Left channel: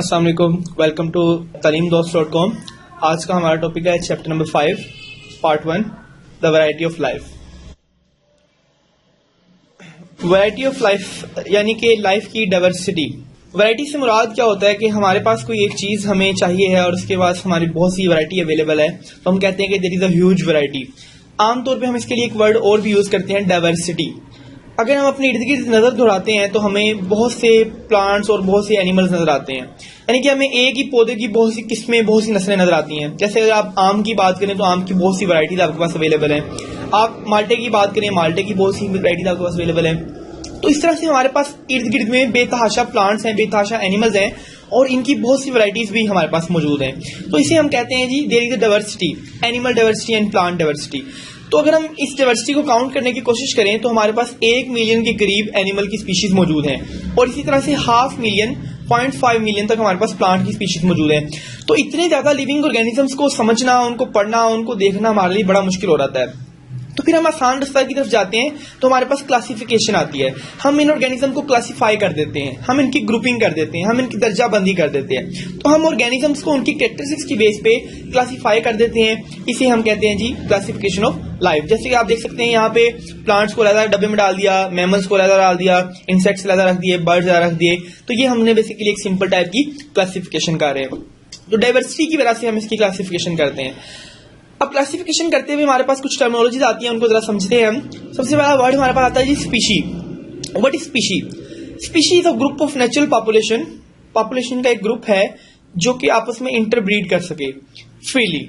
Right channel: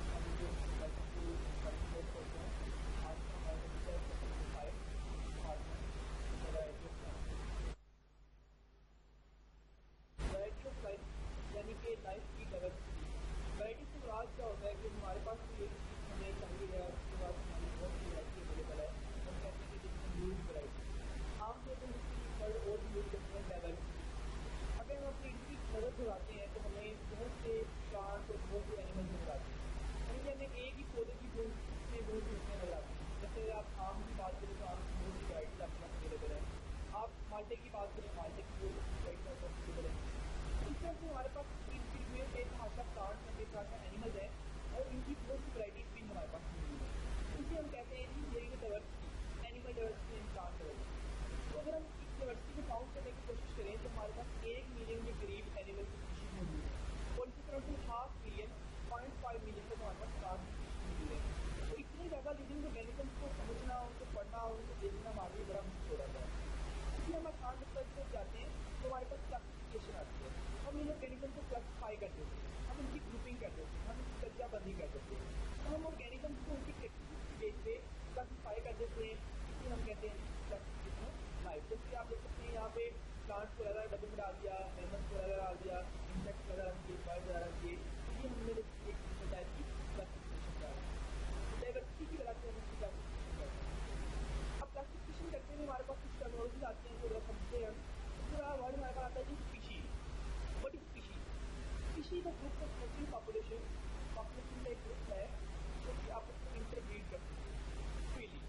अस्सलाम वालेकुम, welcome to talimdost.com। आज का हमारा टॉपिक है chapter number 5 part 1 the variety of life. Variety of life यानी कि लाइफ की डाइवर्सिटी। वैरायटी से मुराद क्या होता है कि हमारे पास कोई एक चीज़ हमें चाहिए है और उसके पास हमारी बहुत सी वैरायटी अवेलेबल है, तो हम कहते हैं कि there is a huge variety. आमतौर पर हम इसके लिए एक वर्ड और भी यूज़ करते हैं, डाइवर्सिटी। अगर हम अपने इर्द गिर्द नज़र दौड़ाते हैं तो हमें बहुत से प्लांट्स और बहुत से एनिमल्स नजर आते हैं, यानी कि हमें एक ही पौधे की बहुत सी किस्में, बहुत सी नस्लें नजर आती हैं। जैसे अगर आप आम की बात करें तो आम की बहुत सी वैरायटीज आपके पास अवेलेबल हैं। आप माल्टे की बात करें, माल्टे की बहुत सी वैरायटीज आपके पास अवेलेबल हैं। तो इस तरह से हमारे पास इर्द गिर्द में बेतहाशा प्लांट्स हैं, बेतहाशा एनिमल्स हैं और इनकी बहुत सी वैरायटीज भी हमारे पास मौजूद हैं। तो इसे हम कहते हैं जी there is a diversity, animal diversity and plant diversity. तो अगर हम इस डाइवर्सिटी को काउंट करने की कोशिश करें तो हमारे पास 1 मिलियन के करीब एनिमल की स्पीशीज मौजूद हैं और इसी तरह से 0.5 मिलियन 0.5 मिलियन तक हमारे पास प्लांट की स्पीशीज मौजूद है। तो इतने ज्यादा लिविंग ऑर्गेनिजम्स को समझना, उनको पढ़ना, उनको देखना हमारे लिए बड़ा मुश्किल हो जाता है। तो फिर हम आसान रास्ता की तरफ जाते हैं तो हमारे पास क्लासिफिकेशन आती है। हम इन ऑर्गेनिज्म को क्लासिफाई कर देते हैं, हम इनकी ग्रुपिंग कर देते हैं, हम इनकी दर्जाबंदी कर देते हैं। तो हम ऑर्गेनिजम्स को उनकी कैरेक्टरिस्टिक्स की बेस पे क्लासिफाई कर देते हैं। इसे हम कहते हैं जी क्लासिफिकेशन ऑफ लाइफ। जैसे कि आप देख सकते हैं यहाँ पे प्लांट्स को अलग डब्बे में डाल दिया, मैमल्स को अलग डाल दिया, इंसेक्ट्स अलग रख दिए, बर्ड्स अलग रख दिए। तो ये हमने बेसिकली एक सिंपल टाइप की क्लासिफिकेशन कर रहे हैं। तो डाइवर्सिटी की वजह से हम इसकी क्लासिफिकेशन करते हैं। अब क्लासिफिकेशन करते हुए हमारे पास कुछ टर्मिनोलॉजीज आती हैं, उनको जरा समझते हैं हम। सबसे पहला वर्ड हमारे पास आता है जी species. What is species? Species is a group of natural population. Population का एक ग्रुप है जो कि आपस में इंटरब्रीड कर सके freely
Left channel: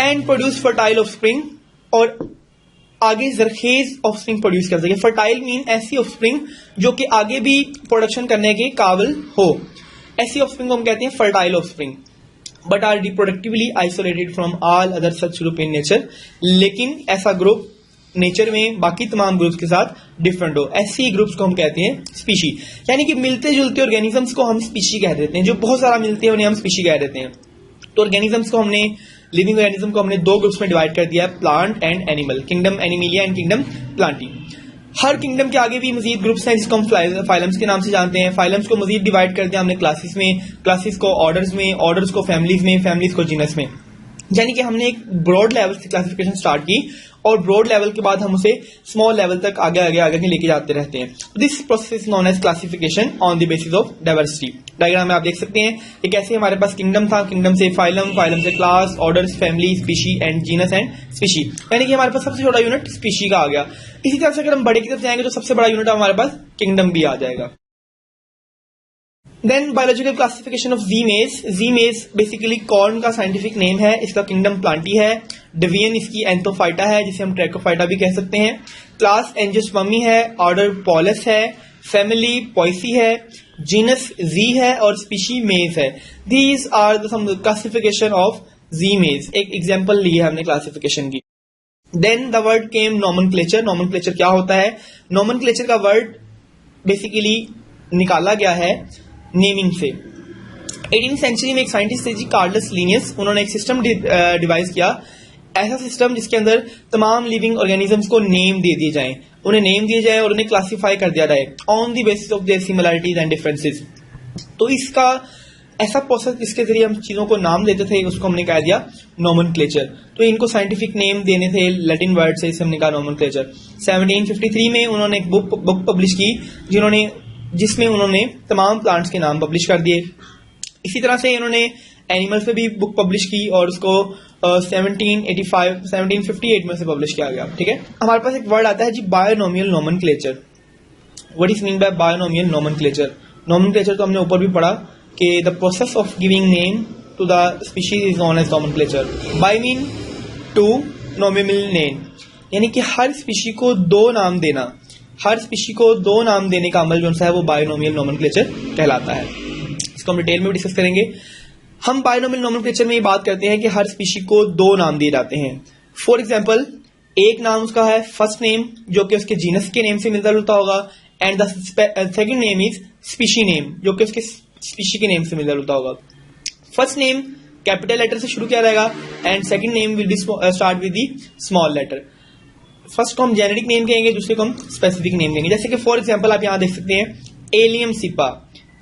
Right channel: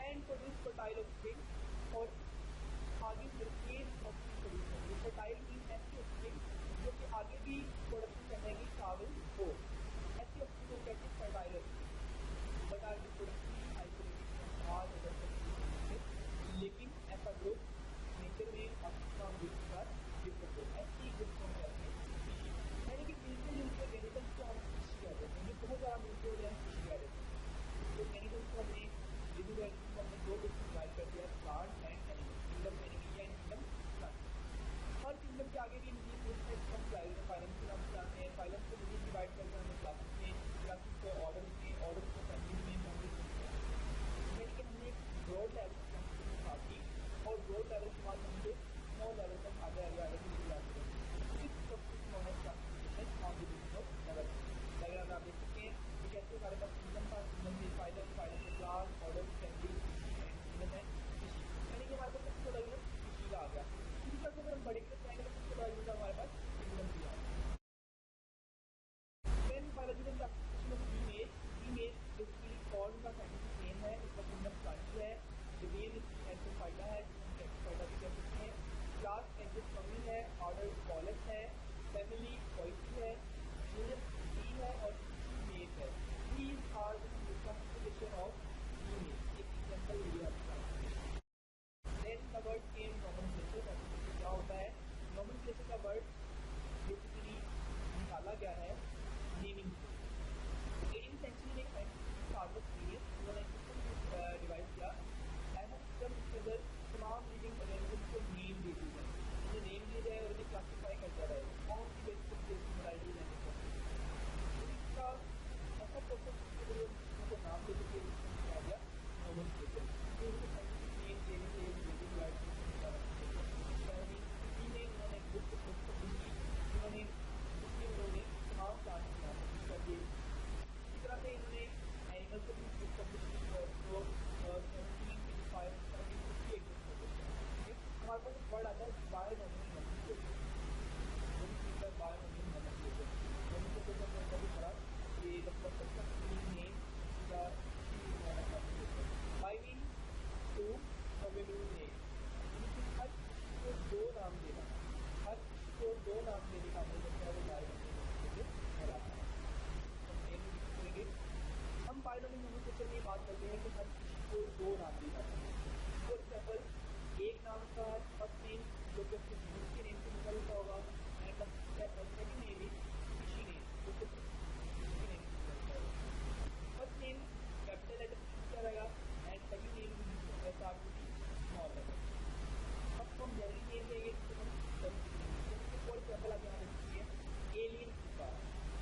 and produce fertile offspring, और आगे जरखेज ऑफस्प्रिंग प्रोड्यूस कर सके। फर्टाइल मीन ऐसी ऑफस्प्रिंग जो कि आगे भी प्रोडक्शन करने के काबिल हो, ऐसी ऑफस्प्रिंग को हम कहते हैं fertile offspring. But are reproductively isolated from all other such group in nature. लेकिन ऐसा ग्रुप नेचर में बाकी तमाम ग्रुप्स के साथ डिफरेंट हो, ऐसी ग्रुप्स को हम कहते हैं स्पीशी। यानी कि मिलते जुलते ऑर्गेनिजम्स को हम स्पीशी कह देते हैं। जो बहुत सारा मिलते हैं उन्हें हम स्पीशी कह देते हैं। तो ऑर्गेनिजम्स को हमने, लिविंग ऑर्गेनिज्म को हमने दो ग्रुप्स में डिवाइड कर दिया है, plant and animal, kingdom Animalia and kingdom Plantae. Her kingdom के आगे भी मजीद ग्रुप्स हैं जिसको हम फाइलम्स के नाम से जानते हैं। फाइलम्स को मजीद डिवाइड कर दिया हमने क्लासेस में, क्लासेस को ऑर्डर्स में, ऑर्डर्स को फैमिलीज में, फैमिलीज को जीनस में। यानी कि हमने एक ब्रॉड लेवल से क्लासिफिकेशन स्टार्ट की और ब्रॉड लेवल के बाद हम उसे स्मॉल लेवल तक आगे आगे आगे लेके जाते रहते हैं। This process is known as classification on the basis of diversity. Diagram में आप देख सकते हैं कि कैसे हमारे पास किंगडम था, किंगडम से फाइलम, फाइलम से class, orders, family, species and genus and species. यानी कि हमारे पास सबसे छोटा यूनिट स्पीशी का आ गया। इसी तरह से अगर हम बड़े की तरफ जाएंगे तो सबसे बड़ा यूनिट हमारे पास किंगडम भी आ जाएगा। Then biological classification of zea मेज। जी मेज बेसिकली कॉर्न का साइंटिफिक नेम है, इसका किंगडम प्लांटी है। डिवीजन इसकी एंथोफाइटा है जिसे हम ट्रैकोफाइटा भी कह सकते हैं। क्लास एंजियोस्पर्मी है, ऑर्डर पॉलस है, फैमिली पॉइसी है, जीनस जी है और स्पीशी मेज है। These are the some classification of zea mays. एक एग्जांपल ली है हमने क्लासिफिकेशन की। Then the word came nomenclature. Nomenclature क्या होता है? नॉमेनक्लेचर का वर्ड बेसिकली निकाला गया है नेमिंग से। 18वीं सेंचुरी में एक साइंटिस्ट थे जी कार्लस लीनियस, उन्होंने एक सिस्टम डिवाइस किया, ऐसा सिस्टम जिसके अंदर तमाम लिविंग ऑर्गेनिजम्स को नेम दे दिए जाएं, उन्हें नेम दिए जाए और उन्हें क्लासिफाई कर दिया जाए on the basis of their similarities and differences. तो इसका ऐसा प्रोसेस जिसके जरिए हम चीजों को नाम देते थे उसको हमने कह दिया नॉमेनक्लेचर। तो इनको साइंटिफिक नेम देने थे लैटिन वर्ड से, इसे हमने कहा नॉमेनक्लेचर। 1753 में उन्होंने एक बुक पब्लिश की जिसमें उन्होंने तमाम प्लांट्स के नाम पब्लिश कर दिए। इसी तरह से इन्होंने एनिमल्स पे भी बुक पब्लिश की और उसको 1758 में से पब्लिश किया गया। ठीक है, हमारे पास एक वर्ड आता है जी binomial nomenclature. What is mean by binomial nomenclature? Nomenclature तो हमने ऊपर भी पढ़ा कि the process of giving name to the species is known as nomenclature. Bi mean two nominal name, यानी कि हर स्पीशी को दो नाम देना, हर स्पीशी को दो नाम देने का अमल जो है वो बायोनोमियल नोमेनक्लेचर कहलाता है। इसको हम डिटेल में भी डिस्कस करेंगे। हम बायोनोमियल नोमेनक्लेचर में ये बात करते हैं कि हर स्पीशी को दो नाम दिए जाते हैं। फॉर एग्जांपल, एक नाम उसका है फर्स्ट नेम जो कि उसके जीनस के नेम से मिलता जुलता होगा, and the second name is species name जो कि उसके स्पीशी के नेम से मिलता जुलता होगा। फर्स्ट नेम कैपिटल लेटर से शुरू किया जाएगा and second name will be start with the small letter. First को हम जेनेरिक नेम कहेंगे, दूसरे को हम स्पेसिफिक नेम कहेंगे। जैसे कि फॉर एग्जांपल आप यहां देख सकते हैं Allium cepa.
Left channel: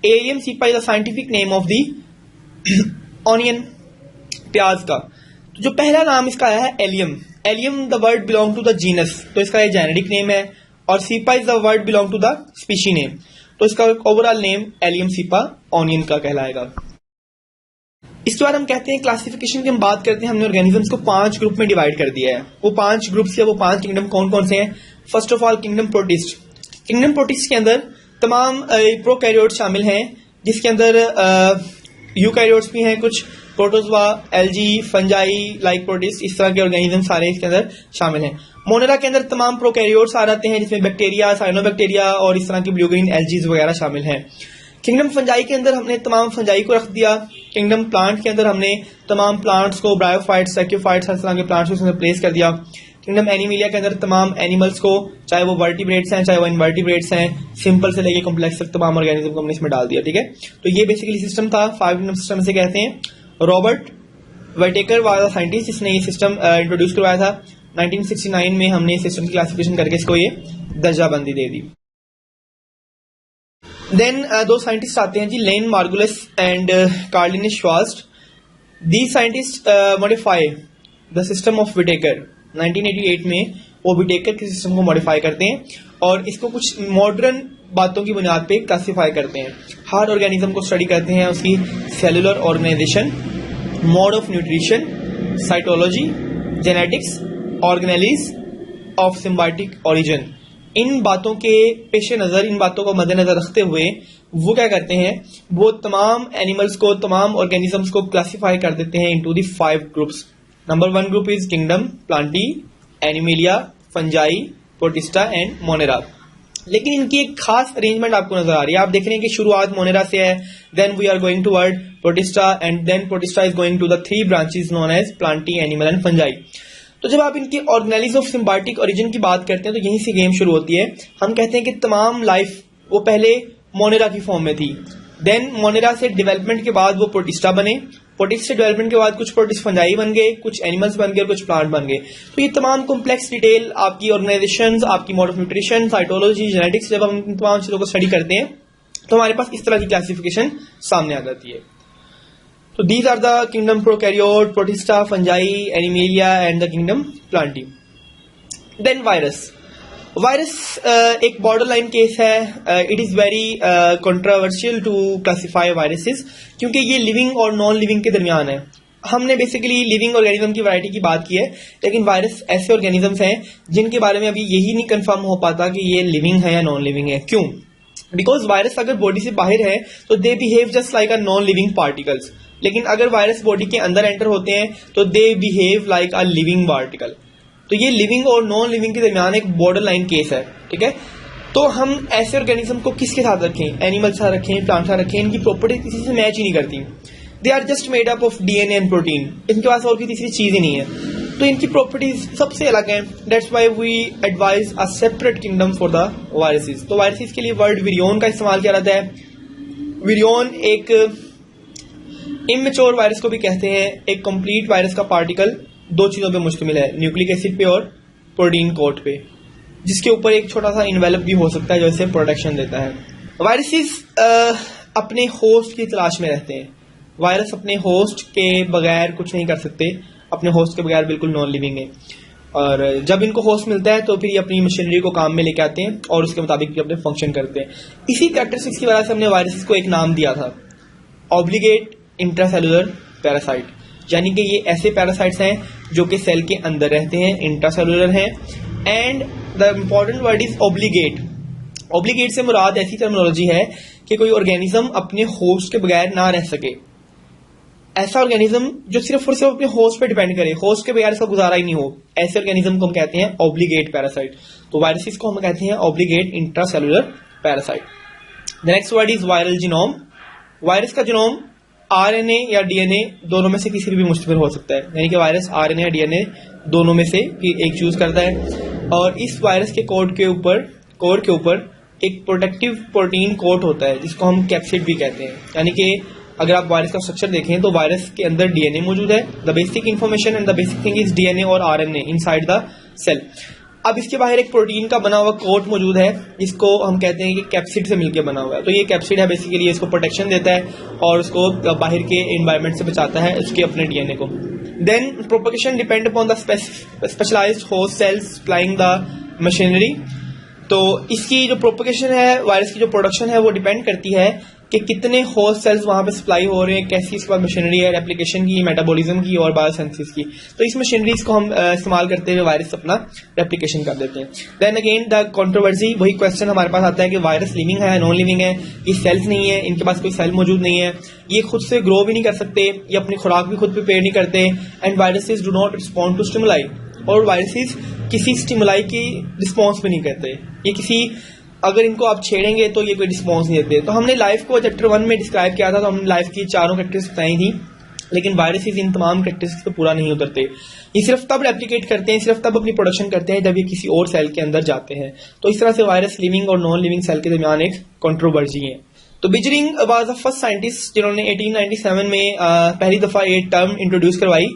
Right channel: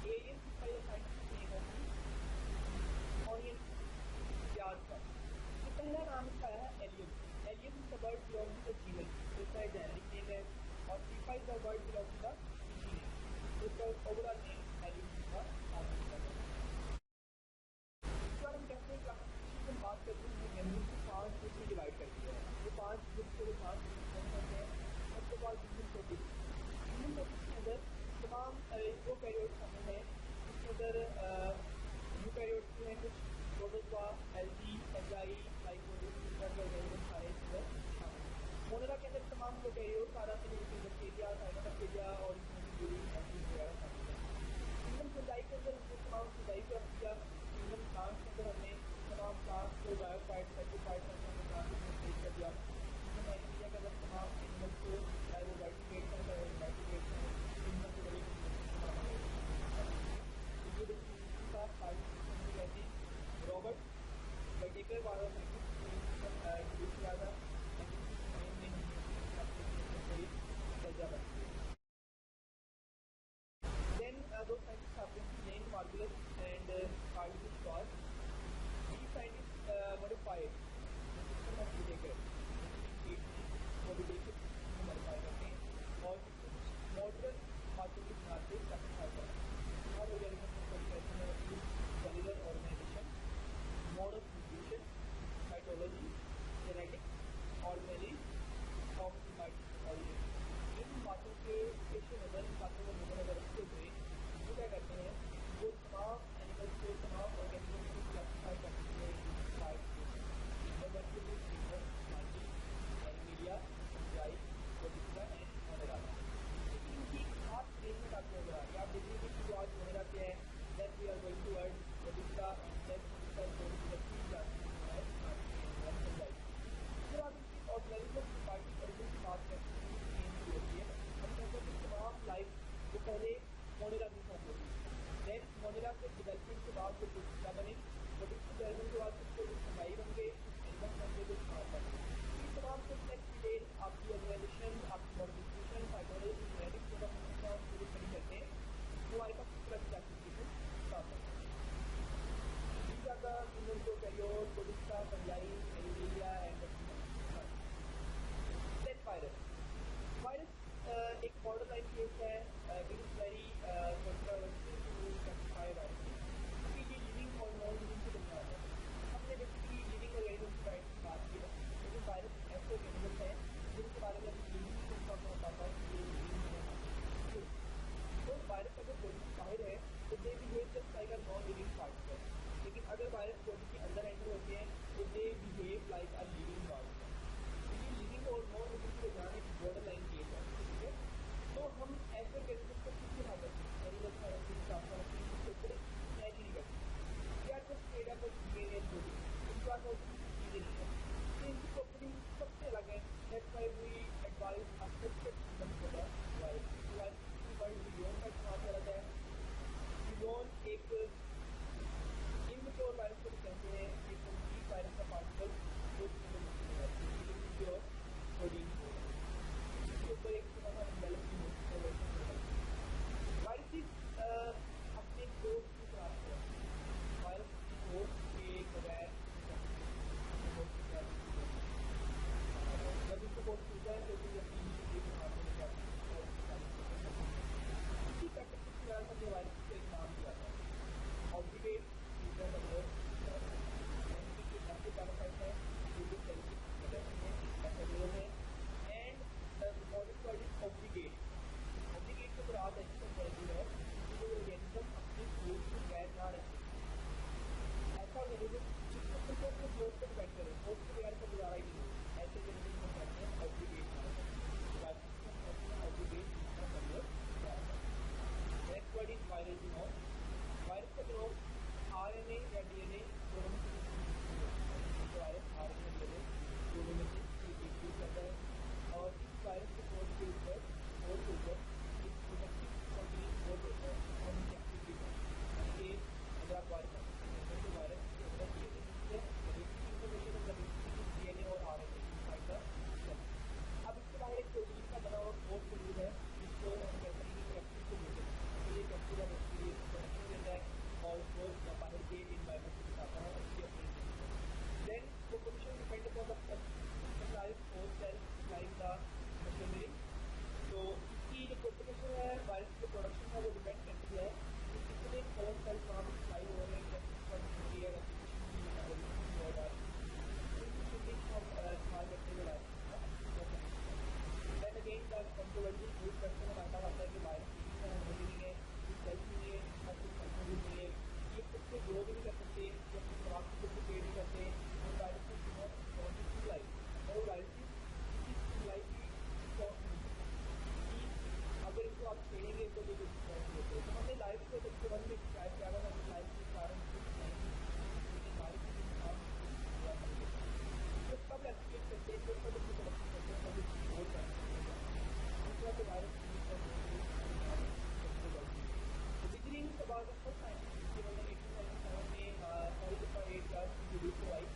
Allium cepa is the scientific name of the onion, प्याज का। तो जो पहला नाम इसका आया है Allium. Allium the word belong to the genus, तो इसका ये जेनेरिक नेम है, और cepa is the word belong to the species name, तो इसका overall name Allium cepa onion का कहलाएगा। इसके बाद हम कहते हैं क्लासिफिकेशन की हम बात करते हैं, हमने ऑर्गेनिजम्स को 5 ग्रुप में डिवाइड कर दिया है। वो 5 ग्रुप्स या वो 5 किंगडम कौन कौन से हैं? First of all kingdom protist. Kingdom protist के अंदर तमाम प्रोकैरियोट शामिल हैं, जिसके अंदर यूकैरियोट्स भी हैं, कुछ protozoa, algae, fungi, like protist, इस तरह के ऑर्गेनिज्म सारे इसके अंदर शामिल हैं। मोनेरा के अंदर तमाम प्रोकैरियोट्स आ जाते हैं, जिसमें बैक्टीरिया, साइनोबैक्टीरिया और इस तरह की ब्लू ग्रीन एल्जीज वगैरह शामिल हैं। किंगडम फंजाई के अंदर हमने तमाम फंजाई को रख दिया। किंगडम प्लांट के अंदर हमने तमाम प्लांट्स को, ब्रायोफाइट्स, सैक्योफाइट्स, हर तरह के प्लांट्स को उसमें प्लेस कर दिया। किंगडम एनिमिलिया के अंदर तमाम एनिमल्स को, चाहे वो वर्टिब्रेट्स हैं चाहे वो इनवर्टिब्रेट्स हैं, सिंपल से लेके कॉम्प्लेक्स तक तमाम ऑर्गेनिज्म को हमने इसमें डाल दिया। ठीक है, तो ये बेसिकली सिस्टम था, 5 किंगडम सिस्टम से कहते हैं। रॉबर्ट व्हिटेकर वाज साइंटिस्ट जिसने ये सिस्टम इंट्रोड्यूस करवाया था। 1969 में हमने सिस्टम की क्लासिफिकेशन करके इसको ये दर्जाबंदी दे दी। देन 2 साइंटिस्ट आते हैं जी, Lynn Margulis and Karlene Schwartz. These scientist modify the system of Whittaker. 1988 में वो व्हिटेकर के सिस्टम को मॉडिफाई करते हैं और इसको कुछ मॉडर्न बातों की बुनियाद पे क्लासिफाई करते हैं। हर ऑर्गेनिज्म को स्टडी करते हैं, उसकी cellular organization, mode of nutrition, cytology, genetics, organelles of symbiotic origin. इन बातों के पेश नज़र, इन बातों को मद्देनजर रखते हुए वो क्या करते हैं, वो तमाम एनिमल्स को, तमाम ऑर्गेनिजम्स को क्लासिफाई कर देते हैं into the 5 groups. Number 1 group is kingdom Plantae, Animalia, fungi, protista and Monera. लेकिन इनकी एक खास अरेंजमेंट आपको नजर आ रही है। आप देख रहे हैं कि शुरुआत मोनेरा से है, then we are going toward Protista and then Protista is going to the 3 branches known as Plantae, animal and fungi. तो जब आप इनके ऑर्गेनेलिज ऑफ सिम्बायोटिक ओरिजिन की बात करते हैं तो यहीं से गेम शुरू होती है। हम कहते हैं कि तमाम लाइफ वो पहले मोनेरा की फॉर्म में थी, देन मोनेरा से डेवलपमेंट के बाद वो प्रोटिस्टा बने, प्रोटिस्ट से डेवलपमेंट के बाद कुछ प्रोटिस्ट फंजाई बन गए, कुछ एनिमल्स बन गए और कुछ प्लांट बन गए। तो ये तमाम कॉम्प्लेक्स डिटेल आपकी ऑर्गेनाइजेशन, आपकी mode of nutrition, cytology, genetics, जब हम इन तमाम चीजों को स्टडी करते हैं तो हमारे पास इस तरह की क्लासिफिकेशन सामने आ जाती है। तो these are the kingdom prokaryote, Protista, fungi, Animalia and the kingdom Plantae. Then virus. Virus एक बॉर्डर लाइन केस है। It is very controversial to classify viruses, क्योंकि ये लिविंग और नॉन लिविंग के दरमियान है। हमने बेसिकली लिविंग ऑर्गेनिज्म की वैरायटी की बात की है, लेकिन वायरस ऐसे ऑर्गेनिजम्स हैं जिनके बारे में अभी यही नहीं कंफर्म हो पाता कि ये लिविंग है या नॉन लिविंग है। क्यों? बिकॉज वायरस अगर बॉडी से बाहर है तो they behave just like a non living particles, लेकिन अगर वायरस बॉडी के अंदर एंटर होते हैं तो they behave like a living particle. तो ये लिविंग और नॉन लिविंग के दरमियान एक बॉर्डर लाइन केस है। ठीक है, तो हम ऐसे ऑर्गेनिज्म को किसके साथ रखें? एनिमल साथ रखें, प्लांट साथ रखें? इनकी प्रॉपर्टी किसी से मैच ही नहीं करती। They are just made up of DNA and protein. इनके पास और कोई तीसरी चीज ही नहीं है, तो इनकी प्रॉपर्टीज सबसे अलग हैं। That's why we advise a separate kingdom for the viruses. तो वायरसेस के लिए वर्ड विरियोन का इस्तेमाल किया जाता है। विरियोन एक इमेच्योर वायरस को भी कहते हैं। एक कंप्लीट वायरस का पार्टिकल 2 चीजों पे मुश्तमिल है, न्यूक्लिक एसिड पे और प्रोटीन कोट पे, जिसके ऊपर एक छोटा सा इन्वेलप भी हो सकता है जो इसे प्रोटेक्शन देता है। वायरसेस अपने होस्ट की तलाश में रहते हैं। वायरस अपने होस्ट के बगैर कुछ नहीं कर सकते, अपने होस्ट के बगैर बिल्कुल नॉन लिविंग है। और जब इनको होस्ट मिलता है तो फिर ये अपनी मशीनरी को काम में लेके आते हैं और उसके मुताबिक अपने फंक्शन करते हैं। इसी कैरेक्टरिस्टिक्स की वजह से हमने वायरसेस को एक नाम दिया था, ऑब्लिगेट इंट्रासेलुलर पैरासाइट, यानी कि ये ऐसे पैरासाइट्स हैं जो कि सेल के अंदर रहते हैं, इंट्रासेलुलर हैं। And the important word is obligate. Obligate से मुराद ऐसी टर्मिनोलॉजी है कि कोई ऑर्गेनिज्म अपने होस्ट के बगैर ना रह सके। ऐसा ऑर्गेनिज्म जो सिर्फ और सिर्फ अपने होस्ट पे डिपेंड करे, होस्ट के बगैर इसका गुजारा ही नहीं हो, ऐसे ऑर्गेनिज्म को हम कहते हैं ऑब्लिगेट पैरासाइट। तो वायरसेस को हम कहते हैं obligate intracellular parasite. The next word is viral genome. Virus का जीनोम आरएनए या डीएनए दोनों में से किसी भी मुश्तमिल हो सकता है, यानी कि वायरस आरएनए या डीएनए दोनों में से एक चूज करता है। और इस वायरस के कोड के ऊपर एक प्रोटेक्टिव प्रोटीन कोट होता है जिसको हम कैप्सिड भी कहते हैं। यानी कि अगर आप वायरस का स्ट्रक्चर देखें तो वायरस के अंदर डीएनए मौजूद है। The basic information and the basic thing is DNA और आरएनए इनसाइड द सेल। अब इसके बाहर एक प्रोटीन का बना हुआ कोट मौजूद है जिसको हम कहते हैं कि कैप्सिड से मिलकर बना हुआ है। तो ये कैप्सिड है बेसिकली, इसको प्रोटेक्शन देता है और उसको बाहर के एनवायरनमेंट से बचाता है उसके अपने डीएनए को। Then propagation depend upon the specialized host cells supplying the machinery. तो इसकी जो प्रोपगेशन है, वायरस की जो प्रोडक्शन है, वो डिपेंड करती है कि कितने होस्ट सेल्स वहां पे सप्लाई हो रहे हैं, कैसी इसके बाद मशीनरी है रेप्लिकेशन की, मेटाबॉलिज्म की और बायोसेंसिस की। तो इस मशीनरीज को हम इस्तेमाल करते हुए वायरस अपना रेप्लिकेशन कर देते हैं। देन अगेन द कंट्रोवर्सी, वही क्वेश्चन हमारे पास आता है कि वायरस लिविंग है, नॉन लिविंग है, ये सेल्स नहीं है, इनके पास कोई सेल मौजूद नहीं है, ये खुद से ग्रो भी नहीं कर सकते, ये अपनी खुराक भी खुद प्रिपेयर नहीं करते, and viruses do not respond to stimuli, और वायरसेस किसी स्टिमुलाई की रिस्पॉन्स भी नहीं करते, ये किसी अगर इनको आप छेड़ेंगे तो ये कोई रिस्पॉन्स नहीं देते। तो हमने लाइफ को चैप्टर 1 में डिस्क्राइब किया था, तो हमने लाइफ की 4 कैरेक्टरिस्टिक्स बताई थी, लेकिन वायरसेस इन तमाम कैरेक्टरिस्टिक्स पे पूरा नहीं उतरते। ये सिर्फ तब रेप्लिकेट करते हैं, सिर्फ तब अपनी प्रोडक्शन करते हैं जब ये किसी और सेल के अंदर जाते हैं। तो इस तरह से वायरस लिविंग और नॉन लिविंग सेल के दरमियान एक कंट्रोवर्सी है। तो बिजरिंग वाज द फर्स्ट साइंटिस्ट जिन्होंने 1897 में पहली दफा ये टर्म इंट्रोड्यूस करवाई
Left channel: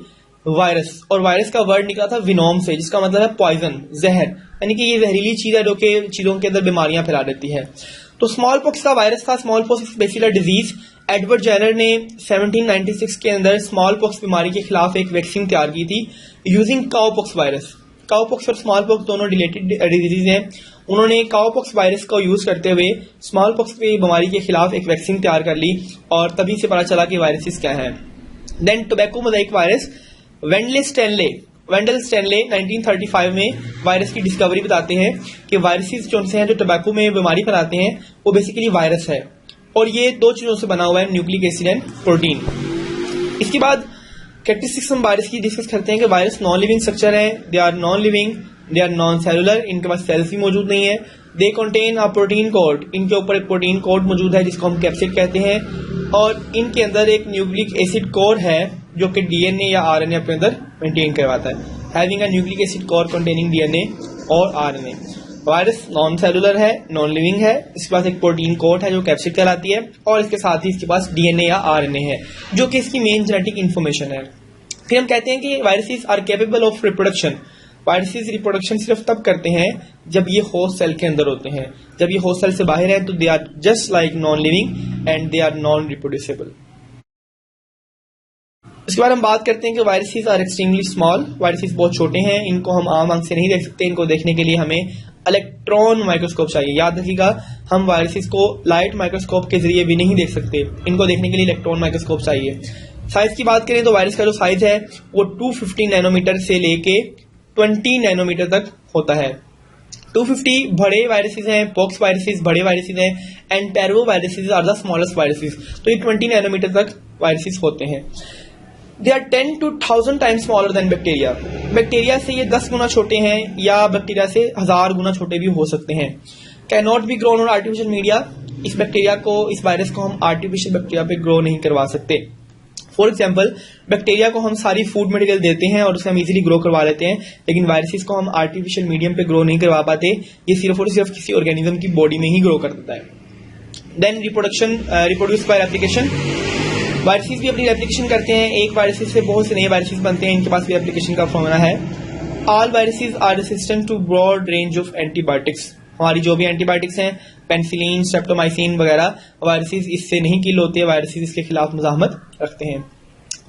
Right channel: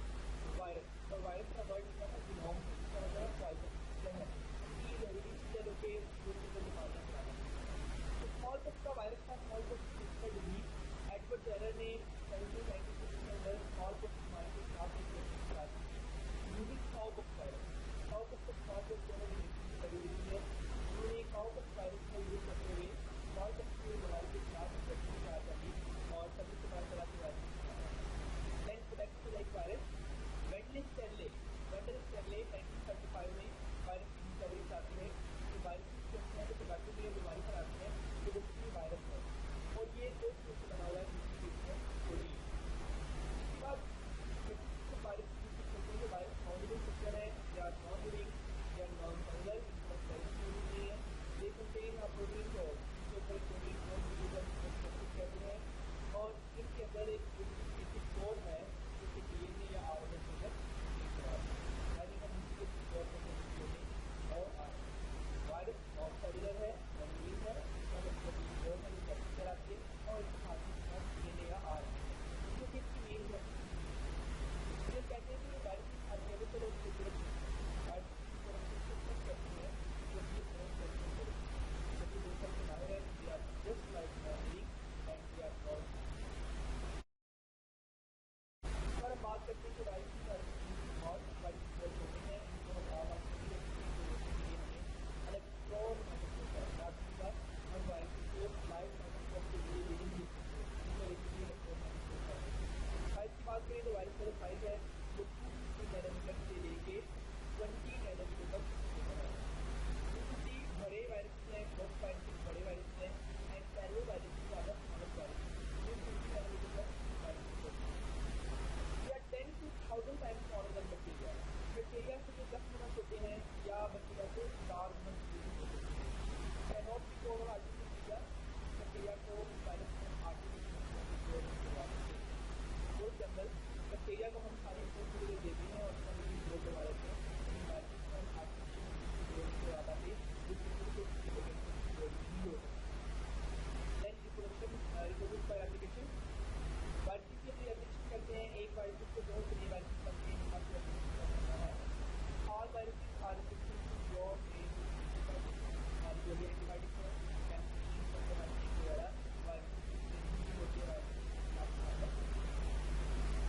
वायरस, और वायरस का वर्ड निकला था विनोम से, जिसका मतलब है पॉइजन, जहर, यानी कि ये जहरीली चीज है जो कि चीजों के अंदर बीमारियां फैला देती है। तो स्मॉल पॉक्स का वायरस था, small pox bacillar disease. Edward Jenner ने 1796 के अंदर स्मॉल पॉक्स बीमारी के खिलाफ एक वैक्सीन तैयार की थी यूजिंग काउपॉक्स वायरस। काउपॉक्स और स्मॉल पॉक्स दोनों रिलेटेड डिजीज हैं। उन्होंने काउपॉक्स वायरस का यूज करते हुए स्मॉल पॉक्स की बीमारी के खिलाफ एक वैक्सीन तैयार कर ली, और तभी से पता चला कि वायरसेस क्या है। Then tobacco mosaic virus, Wendell Stanley 1935 में वायरस की डिस्कवरी बताते हैं कि वायरसेस जो हैं जो टोबैको में बीमारी फैलाते हैं वो बेसिकली वायरस है, और ये 2 चीजों से बना हुआ है, न्यूक्लिक एसिड एंड प्रोटीन। इसके बाद कैरेक्टरिस्टिक्स हम वायरस की डिस्कस करते हैं कि वायरस नॉन लिविंग स्ट्रक्चर है, they are non living, they are non cellular, इनके पास सेल्स भी मौजूद नहीं है, they contain a protein code, इनके ऊपर एक प्रोटीन कोड मौजूद है जिसको हम कैप्सिड कहते हैं, और इनके अंदर एक न्यूक्लिक एसिड कोर है जो कि डीएनए या आरएनए अपने अंदर मेंटेन करवाता है, having a nucleic acid core containing DNA और आरएनए। वायरस नॉन सेलुलर है, नॉन लिविंग है, इसके पास एक प्रोटीन कोड है जो कैप्सिड कहलाती है, और इसके साथ ही इसके पास डीएनए या आरएनए है जो कि इसकी मेन जेनेटिक इन्फॉर्मेशन है। फिर हम कहते हैं कि viruses are capable of reproduction. Viruses reproduction सिर्फ तब करते हैं जब ये होस्ट सेल के अंदर होते हैं, जब ये होस्ट सेल से बाहर है तो they are just like non living and they are non reproducible. इसके बाद हम बात करते हैं कि viruses are extremely small. Viruses बहुत छोटे हैं, इनको हम आम आंख से नहीं देख सकते, इनको देखने के लिए हमें इलेक्ट्रॉन माइक्रोस्कोप चाहिए। याद रखिएगा, हम वायरसेस को लाइट माइक्रोस्कोप के जरिए भी नहीं देख सकते, इनको देखने के लिए इलेक्ट्रॉन माइक्रोस्कोप चाहिए। साइज की बात करें तो वायरस का जो साइज है वो 250 नैनोमीटर से लेके 20 नैनोमीटर तक होता है। 250 बड़े वायरसेस हैं, पॉक्स वायरसेस बड़े वायरसेस हैं, and parvo viruses are the smallest viruses. तो ये 20 नैनोमीटर तक वायरसेस होते हैं। They are 10 to 1000 times smaller than bacteria. Bacteria से ये 10 गुना छोटे हैं, या बैक्टीरिया से 1000 गुना छोटे भी हो सकते हैं। Can not be grown on artificial media. इस बैक्टीरिया को, इस वायरस को हम आर्टिफिशियल बैक्टीरिया पे ग्रो नहीं करवा सकते। फॉर एग्जाम्पल, बैक्टीरिया को हम सारी फूड मटेरियल देते हैं और उसे हम इजीली ग्रो करवा लेते हैं, लेकिन वायरसेस को हम आर्टिफिशियल मीडियम पे ग्रो नहीं करवा पाते। ये सिर्फ और सिर्फ किसी ऑर्गेनिज्म की बॉडी में ही ग्रो करता है। Then reproduce by replication. Viruses भी अपनी रेप्लिकेशन करते हैं, एक वायरसेस से बहुत से नए वायरसेस बनते हैं, इनके पास भी रेप्लिकेशन का फॉर्मूला है। All viruses are resistant to broad range of antibiotics. हमारी जो भी एंटीबायोटिक्स हैं, पेनिसिलिन, स्ट्रेप्टोमाइसिन वगैरह, वायरसेस इससे नहीं किल होते, वायरसेस इसके खिलाफ मुजाहमत रखते हैं।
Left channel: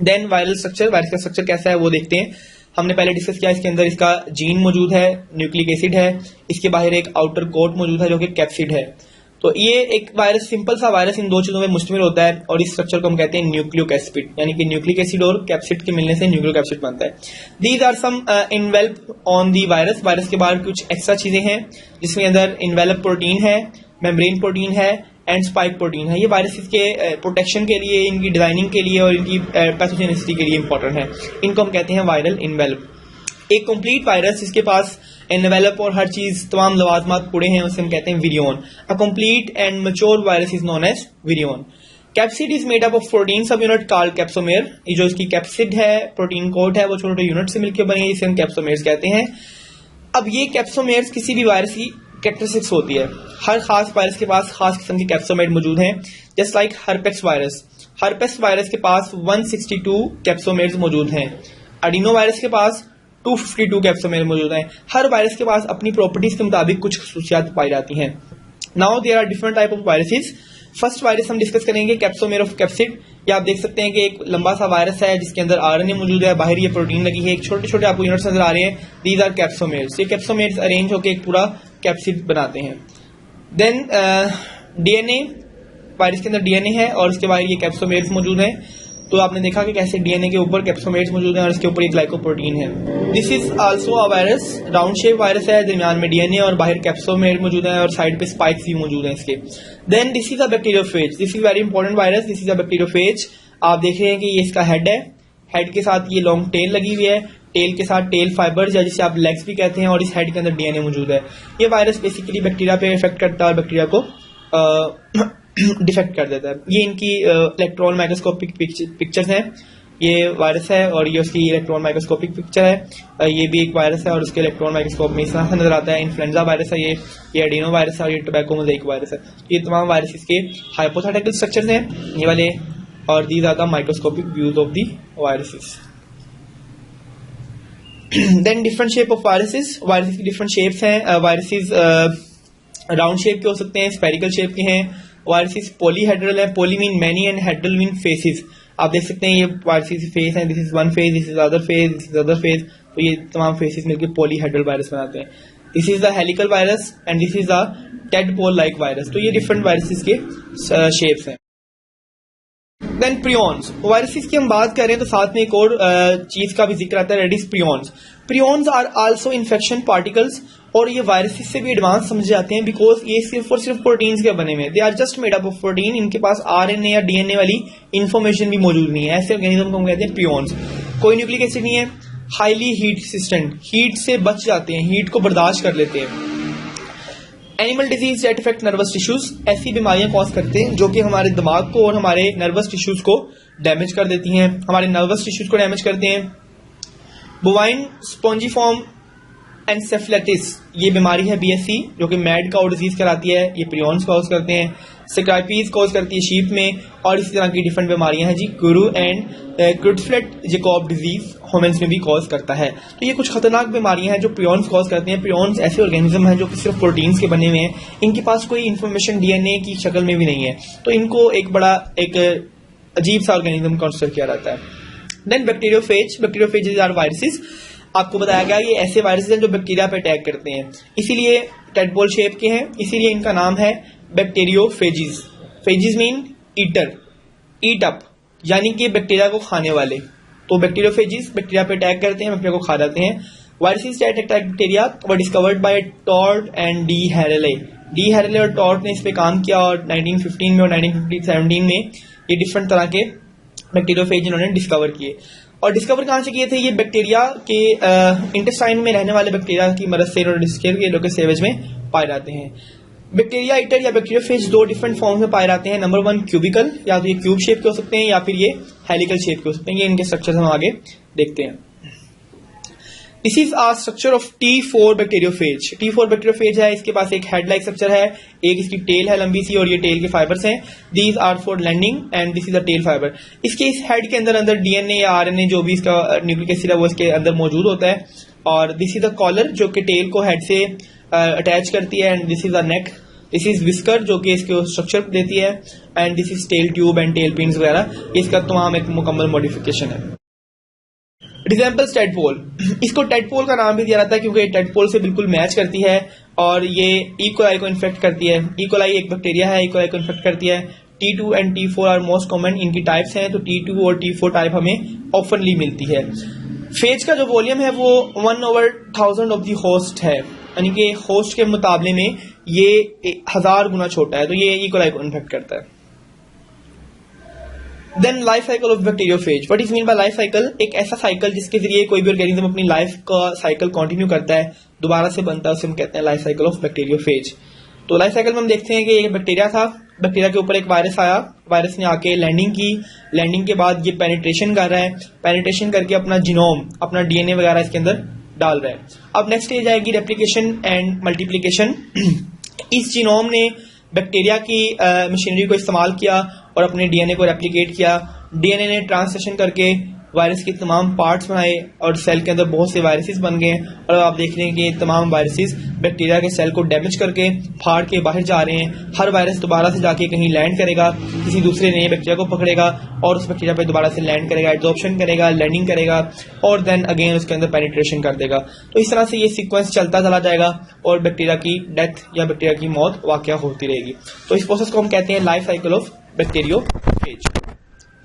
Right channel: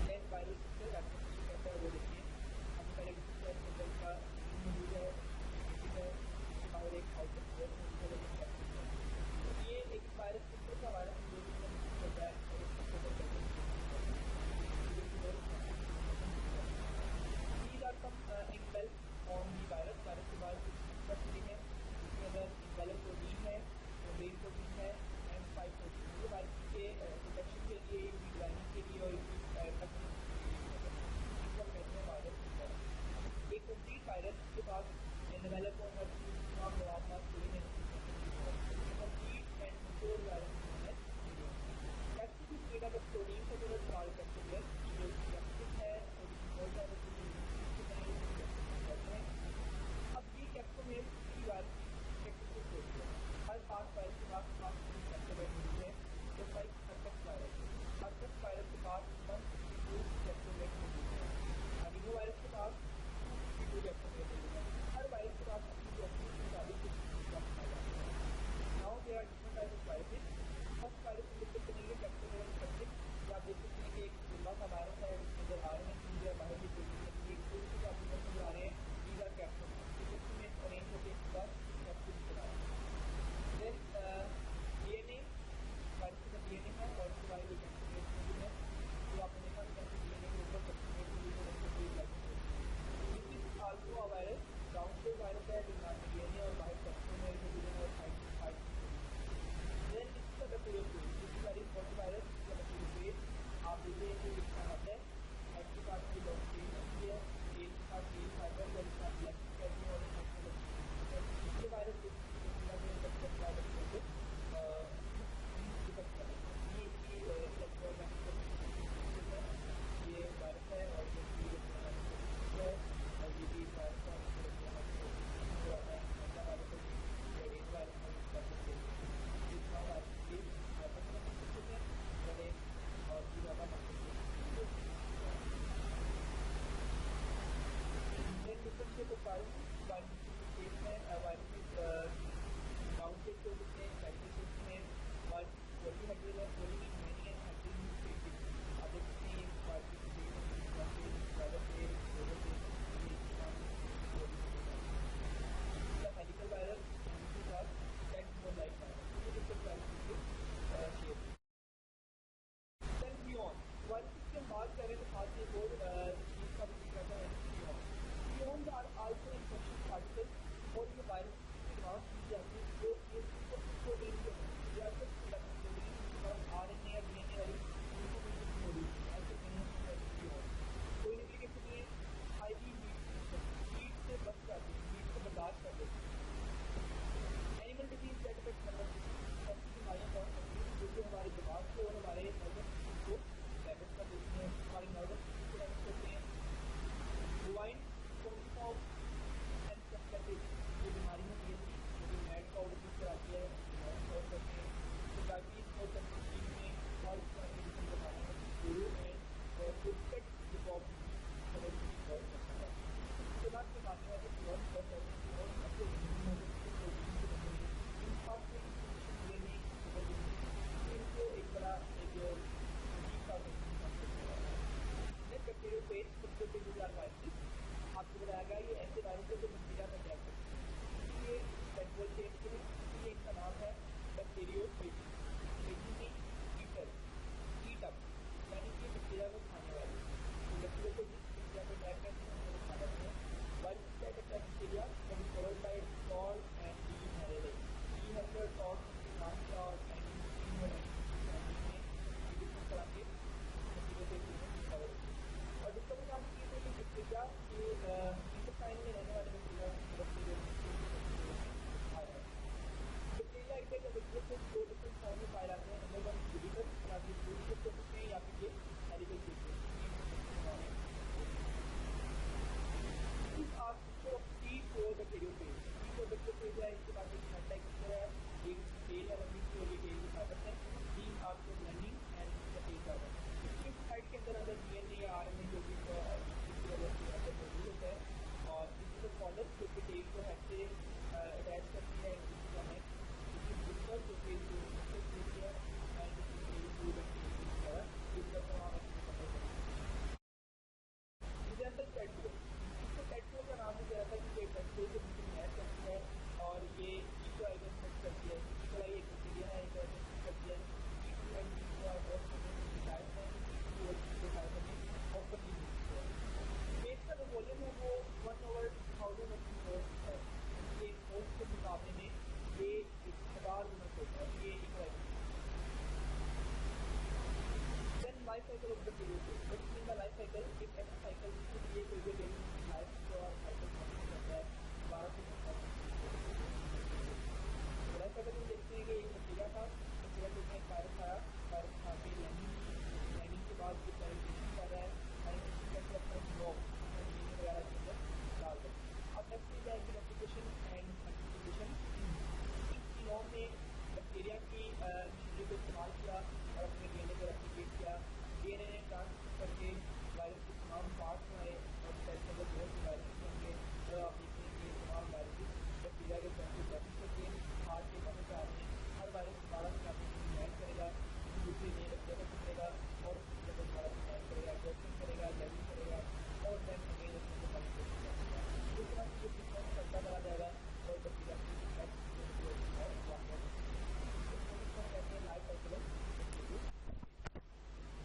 देन वायरल स्ट्रक्चर, वायरस का स्ट्रक्चर कैसा है वो देखते हैं। हमने पहले डिस्कस किया, इसके अंदर इसका जीन मौजूद है, न्यूक्लिक एसिड है, इसके बाहर एक आउटर कोट मौजूद है जो कि कैप्सिड है। तो ये एक वायरस, सिंपल सा वायरस इन 2 चीजों में मुश्तमिल होता है, और इस स्ट्रक्चर को हम कहते हैं न्यूक्लिक एसिड, यानी कि न्यूक्लिक एसिड और कैप्सिड के मिलने से न्यूक्लिक एसिड बनता है। These are some envelope on the virus. Virus के बाहर कुछ एक्स्ट्रा चीजें हैं जिसमें अंदर इन्वेलप प्रोटीन है, मेम्ब्रेन प्रोटीन है एंड स्पाइक प्रोटीन है। ये वायरसेस के प्रोटेक्शन के लिए, इनकी डिजाइनिंग के लिए और इनकी पैथोजेनिसिटी के लिए इंपॉर्टेंट है। इनको हम कहते हैं वायरल इन्वेलप। एक कंप्लीट वायरस जिसके पास एनवेलप और हर चीज तमाम लवाजमात पूरे हैं उसे हम कहते हैं virion. A complete and mature virus is known as virion. Capsid is made up of protein subunit called capsomere. ये जो इसकी कैप्सिड है, प्रोटीन कोट है, वो छोटे छोटे यूनिट से मिलकर बनी है, जिसे हम कैप्सोमेर्स कहते हैं। अब ये कैप्सोमेर्स किसी भी वायरस की कैरेक्टरिस्टिक्स होती है। हर खास वायरस के पास खास किस्म के कैप्सोमेर मौजूद हैं, जस्ट लाइक हर्पेक्स वायरस। हर्पेक्स वायरस के पास 162 कैप्सोमेर्स मौजूद हैं। एडिनो वायरस के पास 252 कैप्सोमेर मौजूद हैं। हर वायरस के पास अपनी प्रॉपर्टीज के मुताबिक कुछ खसूसियात पाई जाती हैं। Now there are different type of viruses. First virus हम डिस्कस करेंगे कैप्सोमेर ऑफ कैप्सिड। ये आप देख सकते हैं कि एक लंबा सा वायरस है जिसके अंदर आरएनए मौजूद है, बाहर ये प्रोटीन लगी है, एक छोटे छोटे आपको यूनिट्स नजर आ रहे हैं, दीज आर कैप्सोमेर्स। ये कैप्सोमेर्स अरेंज होकर एक पूरा कैप्सिड बनाते हैं। देन डीएनए, वायरस के अंदर डीएनए है और उसके बाहर ये कैप्सोमेर्स मौजूद हैं। तो आपने देखा कि कैसे डीएनए के ऊपर कैप्सोमेर्स मौजूद हैं और इसके ऊपर एक ग्लाइकोप्रोटीन है। This is also a virus, round shape virus है, दरमियान में डीएनए और बाहर कैप्सोमेर मौजूद है और साइड पे स्पाइक्स भी मौजूद हैं इसके। Then this is a bacteriophage, this is very important virus, this is a bacteriophage. आप देख रहे हैं कि ये इसका हेड है, हेड के साथ ये लॉन्ग टेल लगी हुई है, टेल के साथ टेल फाइबर्स या जिसे आप लेग्स भी कहते हैं, और इस हेड के अंदर डीएनए मौजूद है। ये वायरस बेसिकली बैक्टीरिया पे इफेक्ट करता है और बैक्टीरिया को डिफेक्ट कर देता है। ये इनकी इलेक्ट्रॉन माइक्रोस्कोपिक पिक्चर्स हैं। ये वायरस है और ये उसकी इलेक्ट्रॉन माइक्रोस्कोपिक पिक्चर है। ये भी एक वायरस है और उसके इलेक्ट्रॉन माइक्रोस्कोप में इस तरह से नजर आता है। इन्फ्लुएंजा वायरस है, ये एडिनो वायरस है और ये टोबैको मोज़ेक वायरस है। ये तमाम वायरस के हाइपोथेटिकल स्ट्रक्चर्स हैं ये वाले, और these are the microscopic views of the viruses. Then different shape of viruses, viruses की डिफरेंट शेप्स हैं। वायरसेस राउंड शेप के हो सकते हैं, स्पेरिकल शेप के हैं। वायरसेस पॉलीहेड्रल है, poly mean many and hedral mean faces. आप देख सकते हैं ये वायरसेस फेस हैं, this is one face, this is other face, this is other face. तो ये तमाम फेसेस मिलकर पॉलीहेड्रल वायरस बनाते हैं। This is the helical virus and this is the tadpole like virus. तो ये डिफरेंट वायरसेस के शेप्स हैं। देन प्रियॉन्स, वायरसेस की हम बात करें तो साथ में एक और चीज का भी जिक्र आता है, रेडिस prions. Prions are also infection particles, और ये वायरसेस से भी एडवांस समझे जाते हैं बिकॉज ये सिर्फ और सिर्फ प्रोटीन्स के बने हुए हैं। They are just made up of protein, इनके पास आरएनए या डीएनए वाली इंफॉर्मेशन भी मौजूद नहीं है। ऐसे ऑर्गेनिज्म को हम कहते हैं प्रियॉन्स। कोई न्यूक्लिक एसिड नहीं है, हाईली हीट रेसिस्टेंट, हीट से बच जाते हैं, हीट को बर्दाश्त कर लेते हैं। Animal disease that effect nervous tissues, ऐसी बीमारियां कॉज करते हैं जो कि हमारे दिमाग को और हमारे नर्वस टिश्यूज को डैमेज कर देती हैं, हमारे नर्वस टिश्यूज को डैमेज करते हैं। बोवाइन स्पॉन्जीफॉर्म एनसेफेलाइटिस, ये बीमारी है बीएससी जो कि मैड काउ डिजीज कराती है, ये प्रियॉन्स कॉज करते हैं। सिक्राइपीज कॉज करती है शीप में, और इसी तरह की डिफरेंट बीमारियां हैं जी। गुरु एंड क्रुट्सफ्लेट जैकॉब डिजीज ह्यूमंस में भी कॉज करता है। तो ये कुछ खतरनाक बीमारियां हैं जो प्रियॉन्स कॉज करते हैं। प्रियॉन्स ऐसे ऑर्गेनिज्म हैं जो कि सिर्फ प्रोटीन्स के बने हुए हैं, इनके पास कोई इन्फॉर्मेशन डीएनए की शक्ल में भी नहीं है, तो इनको एक बड़ा एक अजीब सा ऑर्गेनिज्म कंसिडर किया जाता है। Then bacteriophage, bacteriophage are viruses. आपको बताया गया ये ऐसे वायरसेस हैं जो बैक्टीरिया पे अटैक करते हैं, इसीलिए टेडपोल शेप के हैं, इसीलिए इनका नाम है bacteriophages. Phages mean eater, eat up, यानी कि बैक्टीरिया को खाने वाले। तो बैक्टीरियोफेजिस बैक्टीरिया पे अटैक करते हैं, बैक्टीरिया को खा जाते हैं। Viruses that attack bacteria were discovered by Twort and d Herelle. D Herelle और टॉर्ट ने इस पे काम किया और 1915 में और 1917 में ये डिफरेंट तरह के बैक्टीरियोफेज इन्होंने डिस्कवर किए। और डिस्कवर कहाँ से किए थे? ये बैक्टीरिया के इंटेस्टाइन में रहने वाले बैक्टीरिया की मदद से इन्होंने डिस्कवर किए, जो कि सेवेज में पाए जाते हैं। बैक्टीरिया ईटर या बैक्टीरियोफेज दो डिफरेंट फॉर्म में पाए जाते हैं। नंबर 1 क्यूबिकल, या तो ये क्यूब शेप के हो सकते हैं या फिर ये हेलिकल शेप के हो सकते हैं। ये इनके स्ट्रक्चर हम आगे देखते हैं। This is a structure of T4 bacteriophage. T4 bacteriophage है, इसके पास एक हेड लाइक स्ट्रक्चर है, एक इसकी टेल है लंबी सी और ये टेल के फाइबर्स हैं। These are for landing and this is the tail fibre. इसके इस हेड के अंदर डीएनए या आरएनए जो भी इसका न्यूक्लिक एसिड है वो इसके अंदर मौजूद होता है। और दिस इज द कॉलर जो कि टेल को हेड से अटैच करती है, and this is the neck. This is whisker जो कि इसके स्ट्रक्चर देती है, and this is tail tube and tail pins वगैरह, इसका तमाम एक मुकम्मल मॉडिफिकेशन है। रिजेंबल्स टेडपोल, इसको टेडपोल का नाम भी दिया जाता है क्योंकि टेडपोल से बिल्कुल मैच करती है और ये इकोलाई को इन्फेक्ट करती है। इकोलाई एक बैक्टीरिया है, इकोलाई को इन्फेक्ट करती है। T2 and T4 are most common, इनकी टाइप्स हैं, तो T2 और T4 टाइप हमें ऑफनली मिलती है। फेज का जो वॉल्यूम है वो 1/1000 ऑफ दी होस्ट है, यानी कि होस्ट के मुकाबले में ये 1000 गुना छोटा है, तो ये इकोलाई को इन्फेक्ट करता है। Then life cycle of bacteriophage. What is mean by life cycle? एक ऐसा साइकिल जिसके जरिए कोई भी ऑर्गेनिज्म अपनी लाइफ का साइकिल कंटिन्यू करता है, दोबारा से बनता है, उसे हम कहते हैं लाइफ साइकिल ऑफ बैक्टीरियोफेज। तो लाइफ साइकिल में हम देखते हैं कि एक बैक्टीरिया था, बैक्टीरिया के ऊपर एक वायरस आया, वायरस ने आके लैंडिंग की, लैंडिंग के बाद ये पेनिट्रेशन कर रहा है, पेनिट्रेशन करके अपना जीनोम, अपना डीएनए वगैरह इसके अंदर डाल रहा है। अब नेक्स्ट स्टेज आएगी रेप्लिकेशन एंड मल्टीप्लिकेशन। इस जीनोम ने बैक्टीरिया की मशीनरी को इस्तेमाल किया और अपने डीएनए को रेप्लिकेट किया। डीएनए ने ट्रांसलेशन करके वायरस के तमाम पार्ट्स बनाए और सेल के अंदर बहुत से वायरसेस बन गए हैं, और अब आप देख रहे हैं कि तमाम वायरसेस बैक्टीरिया के सेल को डैमेज करके फाड़ के बाहर जा रहे हैं। हर वायरस दोबारा से जाके कहीं लैंड करेगा, किसी दूसरे नए बैक्टीरिया को पकड़ेगा और उस बैक्टीरिया पे दोबारा से लैंड करेगा, एब्जॉर्प्शन करेगा, लैंडिंग करेगा और देन अगेन उसके अंदर पेनिट्रेशन कर देगा। तो इस तरह से ये सीक्वेंस चलता चला जाएगा और बैक्टीरिया की डेथ या बैक्टीरिया की मौत वाकया होती रहेगी। तो इस प्रोसेस को हम कहते हैं लाइफ साइकिल ऑफ बैक्टीरियोफेज।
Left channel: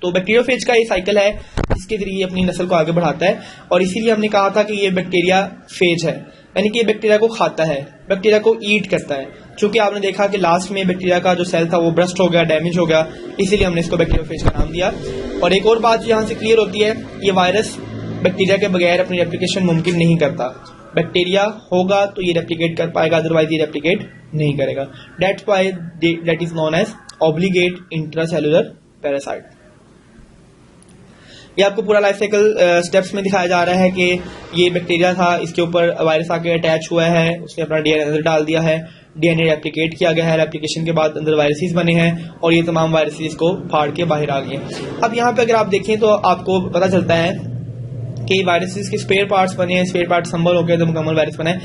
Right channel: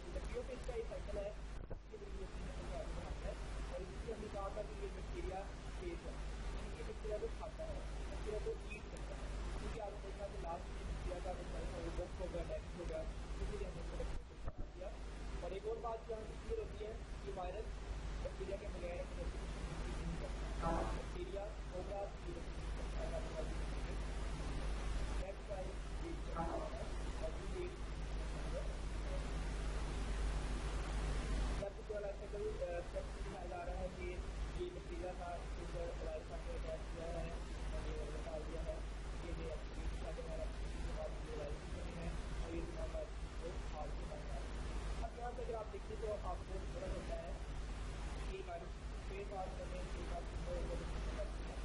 तो बैक्टीरियोफेज का ये साइकिल है जिसके जरिए अपनी नस्ल को आगे बढ़ाता है, और इसीलिए हमने कहा था कि ये बैक्टीरिया फेज है, यानी कि ये बैक्टीरिया को खाता है, बैक्टीरिया को ईट करता है। चूंकि आपने देखा कि लास्ट में बैक्टीरिया का जो सेल था वो ब्रस्ट हो गया, डैमेज हो गया, इसीलिए हमने इसको बैक्टीरियोफेज का नाम दिया। और एक और बात यहाँ से क्लियर होती है, ये वायरस बैक्टीरिया के बगैर अपनी रेप्लिकेशन मुमकिन नहीं करता। बैक्टीरिया होगा तो ये रेप्लिकेट कर पाएगा, अदरवाइज ये रेप्लिकेट नहीं करेगा। That's why that is known as obligate intracellular parasite. ये आपको पूरा लाइफ साइकिल स्टेप्स में दिखाया जा रहा है कि ये बैक्टीरिया था, इसके ऊपर वायरस आके अटैच हुआ है, उसने अपना डीएनए अंदर डाल दिया है, डीएनए रेप्लिकेट किया गया है, रेप्लिकेशन के बाद अंदर वायरसेस बने हैं और ये तमाम वायरसेस को फाड़ के बाहर आ गए। अब यहाँ पे अगर आप देखें तो आपको पता चलता है कि वायरसेस के स्पेयर पार्ट्स बने हैं, स्पेयर पार्ट संबल हो गए तो मुकम्मल वायरस बना है।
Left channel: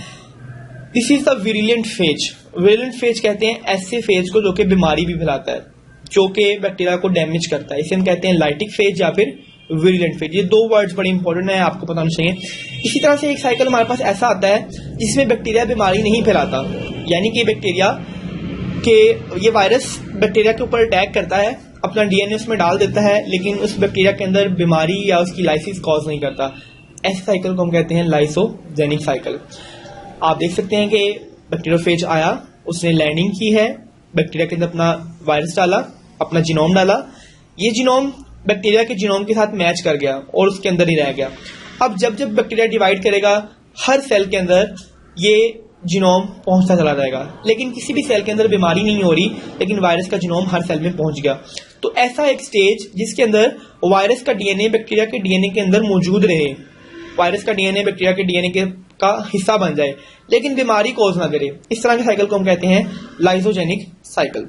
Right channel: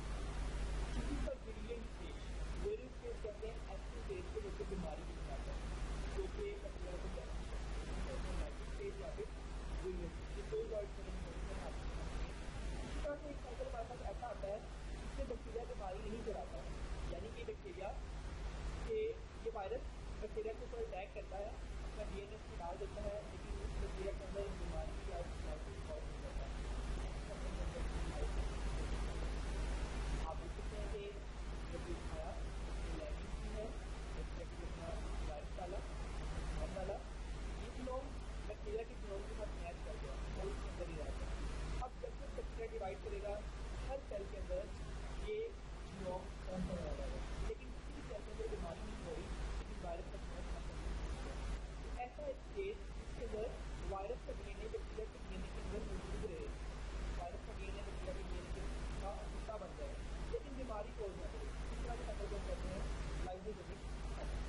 This is the virulent phase. Virulent phase कहते हैं ऐसे फेज को जो कि बीमारी भी फैलाता है, जो कि बैक्टीरिया को डैमेज करता है। इसे हम कहते हैं लाइटिक फेज या फिर विरुलेंट फेज। ये दो वर्ड्स बड़े इंपॉर्टेंट है, आपको पता होना चाहिए। इसी तरह से एक साइकिल हमारे पास ऐसा आता है जिसमें बैक्टीरिया बीमारी नहीं फैलाता, यानी कि बैक्टीरिया के ये वायरस बैक्टीरिया के ऊपर अटैक करता है, अपना डीएनए उसमें डाल देता है, लेकिन उस बैक्टीरिया के अंदर बीमारी या उसकी लाइसिस कॉज नहीं करता। ऐसे साइकिल को हम कहते हैं लाइसोजेनिक साइकिल। आप देख सकते हैं कि बैक्टीरियोफेज आया, उसने लैंडिंग की है, बैक्टीरिया के अंदर अपना वायरस डाला, अपना जीनोम डाला, ये जीनोम बैक्टीरिया के जीनोम के साथ मैच कर गया और उसके अंदर ही रह गया। अब जब जब बैक्टीरिया डिवाइड करेगा, हर सेल के अंदर ये जीनोम पहुंचता चला जाएगा, लेकिन किसी भी सेल के अंदर बीमारी नहीं हो रही, लेकिन वायरस का जीनोम हर सेल में पहुंच गया। तो ऐसा एक स्टेज जिसके अंदर वायरस का डीएनए बैक्टीरिया के डीएनए के अंदर मौजूद रहे, वायरस का डीएनए बैक्टीरिया के डीएनए का हिस्सा बन जाए, लेकिन बीमारी कॉज ना करे, इस तरह के साइकिल को हम कहते हैं लाइसोजेनिक साइकिल।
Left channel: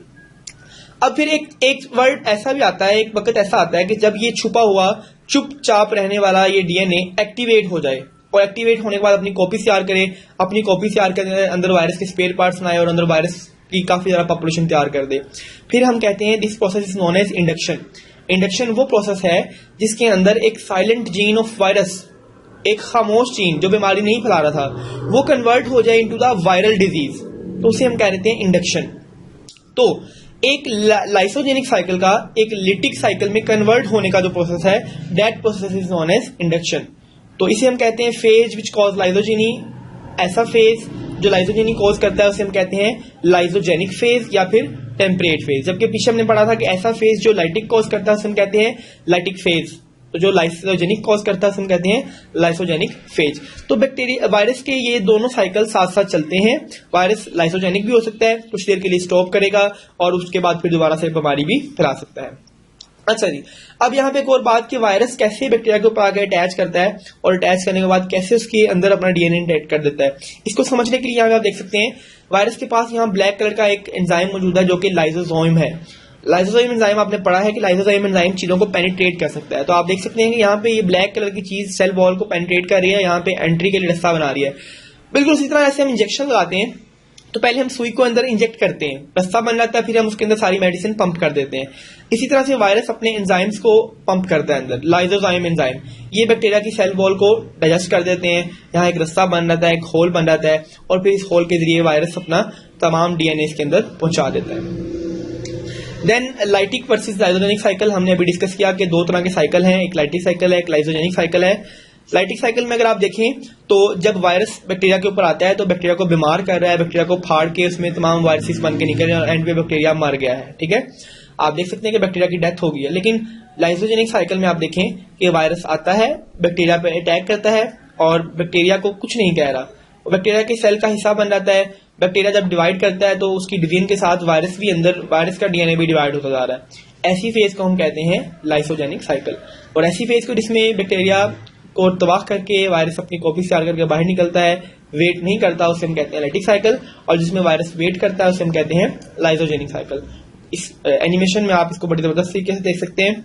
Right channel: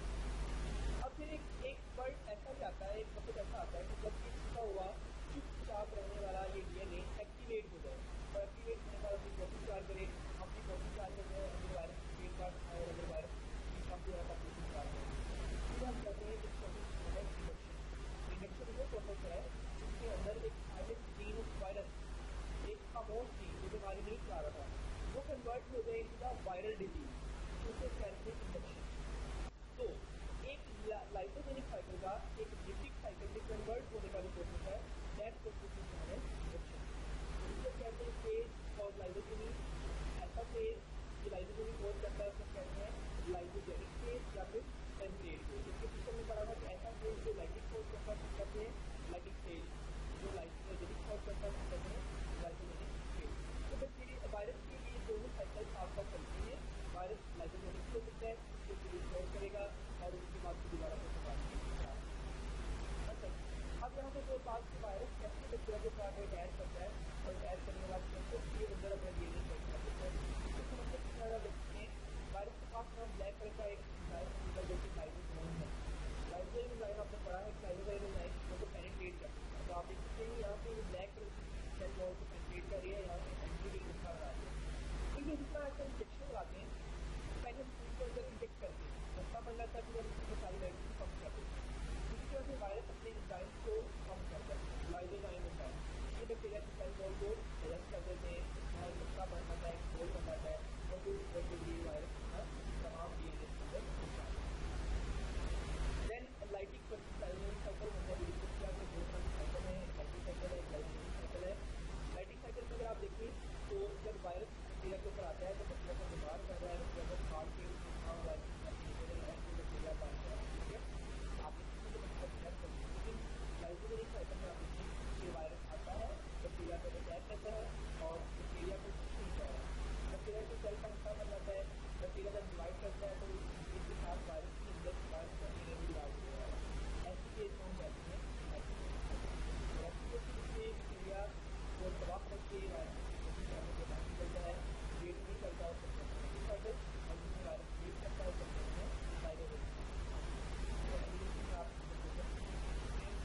अब फिर एक वर्ड ऐसा भी आता है, एक वक्त ऐसा आता है कि जब ये छुपा हुआ चुपचाप रहने वाला ये डीएनए एक्टिवेट हो जाए, और एक्टिवेट होने के बाद अपनी कॉपी तैयार करे, अपनी कॉपी तैयार करने अंदर वायरस के स्पेयर पार्ट्स बनाए और अंदर वायरस की काफी ज्यादा पॉपुलेशन तैयार कर दे। फिर हम कहते हैं this process is known as induction. Induction वो प्रोसेस है जिसके अंदर एक साइलेंट जीन ऑफ वायरस, एक खामोश जीन जो बीमारी नहीं फैला रहा था, वो कन्वर्ट हो जाए इनटू द वायरल डिजीज, तो उसे हम कह देते हैं इंडक्शन। तो एक लाइसोजेनिक साइकिल का एक लिटिक साइकिल में कन्वर्ट होने का जो प्रोसेस है, that process is known as induction. तो इसे हम कहते हैं फेज विच कॉज लाइसोजेनी। ऐसा फेज जो लाइसोजेनी कॉज करता है उसे हम कहते हैं लाइसोजेनिक फेज या फिर टेम्परेट फेज। जबकि पीछे हमने पढ़ा था कि ऐसा फेज जो लाइटिक कॉज करता है उसे हम कहते हैं लाइटिक फेज, तो जो लाइसोजेनिक कॉज करता है उसे हम कहते हैं लाइसोजेनिक फेज। तो बैक्टीरिया वायरस के ये दोनों साइकिल साथ साथ चलते हैं। वायरस लाइसोजेनिक भी हो सकता है, कुछ देर के लिए स्टॉप करेगा और उसके बाद फिर दोबारा से बीमारी भी फैला सकता है। अच्छा जी, अब यहाँ पे एक और बात कि वायरस कैसे बैक्टीरिया के ऊपर आके अटैच करता है और अटैच करने के बाद कैसे उसके अंदर अपना डीएनए इंटेक्ट कर देता है, इसको समझने के लिए यहाँ पे आप देख सकते हैं वायरस के पास यहाँ ब्लैक कलर का एक एंजाइम मौजूद है जो कि लाइसोसोम है। लाइसोसोम एंजाइम आपने पढ़ा है कि लाइसोसोम एंजाइम चीजों को पेनिट्रेट कर सकता है। तो आप देख सकते हैं कि यहाँ पे ये ब्लैक कलर की चीज सेल वॉल को पेनिट्रेट कर रही है, यहाँ पे एंट्री के लिए रास्ता बना रही है। बिल्कुल उसी तरह ऐसे हम इंजेक्शन लगाते हैं, तो पहले हम सुई को अंदर इंजेक्ट करते हैं, रास्ता बन जाता है, फिर हम उसके अंदर सारी मेडिसिन पंप कर देते हैं। इसी तरह से वायरस अपने एंजाइम्स को पंप करता है अंदर, लाइसोजाइम एंजाइम, ये बैक्टीरिया की सेल वॉल को डाइजेस्ट कर देते हैं, यहाँ एक रास्ता बन जाता है, एक होल बन जाता है और फिर इस होल के जरिए वायरस अपना तमाम डीएनए इसके अंदर पहुंचा देता है। Then lytic versus lysogenic cycle हमने अभी डिस्कस किया कि दो तरह के साइकिल हैं, एक लाइटिक साइकिल है, एक लाइसोजेनिक साइकिल है। लाइटिक साइकिल में अगर आप देखें तो जब वायरस बैक्टीरिया के ऊपर आता है तो बैक्टीरिया को बीमार कर रहा है, बैक्टीरिया को फाड़ के उसमें तमाम वायरसेस बन के निकल रहे हैं और एंड पे बैक्टीरिया मर गया है, ठीक है। आप देख सकते हैं कि बैक्टीरिया की डेथ हो गई है। लेकिन लाइसोजेनिक साइकिल में आप देखें कि वायरस आता है, बैक्टीरिया पे अटैक करता है और बैक्टीरिया को कुछ नहीं कह रहा, बैक्टीरिया के सेल का हिस्सा बन जाता है। बैक्टीरिया जब डिवाइड करता है तो उसकी डिवीजन के साथ वायरस भी अंदर, वायरस का डीएनए भी डिवाइड होता जा रहा है। ऐसी फेज को हम कहते हैं लाइसोजेनिक साइकिल। और ऐसी फेज को जिसमें बैक्टीरिया को तबाह करके वायरस अपनी कॉपी तैयार करके बाहर निकलता है, वेट नहीं करता, उसे हम कहते हैं लाइटिक साइकिल। और जिसमें वायरस वेट करता है उसे हम कहते हैं लाइसोजेनिक साइकिल। इस एनिमेशन में आप इसको बड़ी जबरदस्त तरीके से देख सकते हैं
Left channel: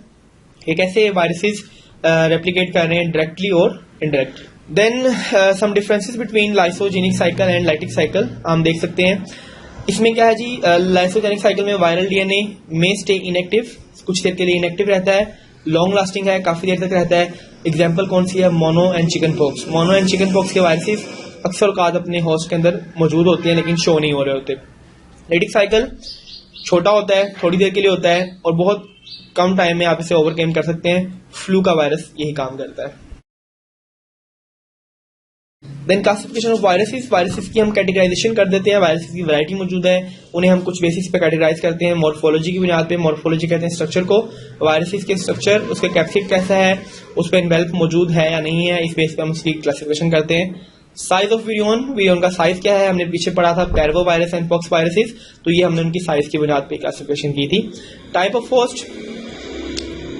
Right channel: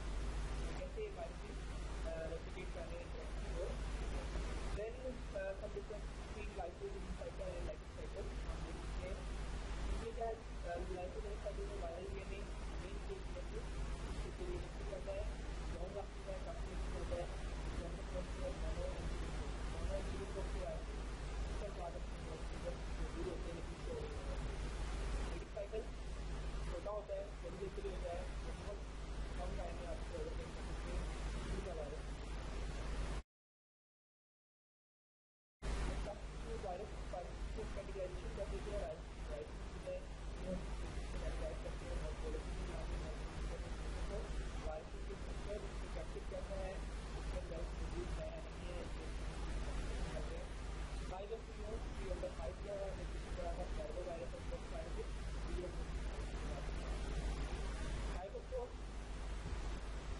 कि कैसे वायरसेस रेप्लिकेट कर रहे हैं डायरेक्टली और indirect. Then some differences between lysogenic cycle and lytic cycle हम देख सकते हैं। इसमें क्या है जी, लाइसोजेनिक साइकिल में वायरल डीएनए में स्टे इनएक्टिव, कुछ देर के लिए इनएक्टिव रहता है, लॉन्ग लास्टिंग है, काफी देर तक रहता है। एग्जाम्पल कौन सी है, mono and chicken pox. Mono and chicken pox के वायरसेस अक्सर औकात अपने होस्ट के अंदर मौजूद होते हैं लेकिन शो नहीं हो रहे होते। लाइटिक साइकिल छोटा होता है, थोड़ी देर के लिए होता है और बहुत कम टाइम में आप इसे ओवरकम कर सकते हैं। फ्लू का वायरस यही काम करता है। देन क्लासिफिकेशन ऑफ वायरसेस, वायरसेस की हम कैटेगराइजेशन कर देते हैं। वायरसेस की वैरायटी मौजूद है, उन्हें हम कुछ बेसिस पे कैटेगराइज करते हैं मॉर्फोलॉजी की बुनियाद पे। मॉर्फोलॉजी कहते हैं स्ट्रक्चर को, वायरसेस के स्ट्रक्चर, उसका कैप्सिड कैसा है, उस पर इन्वेल्प मौजूद है या नहीं है, इस बेस पे हम उसकी क्लासिफिकेशन करते हैं। साइज ऑफ विरियन, विरियन का साइज क्या है, हमने पीछे पढ़ा था पैरवो वायरस एंड पॉक्स वायरसेस, तो ये हमने उनकी साइज की बुनियाद पे क्लासिफिकेशन की थी। टाइप ऑफ होस्ट,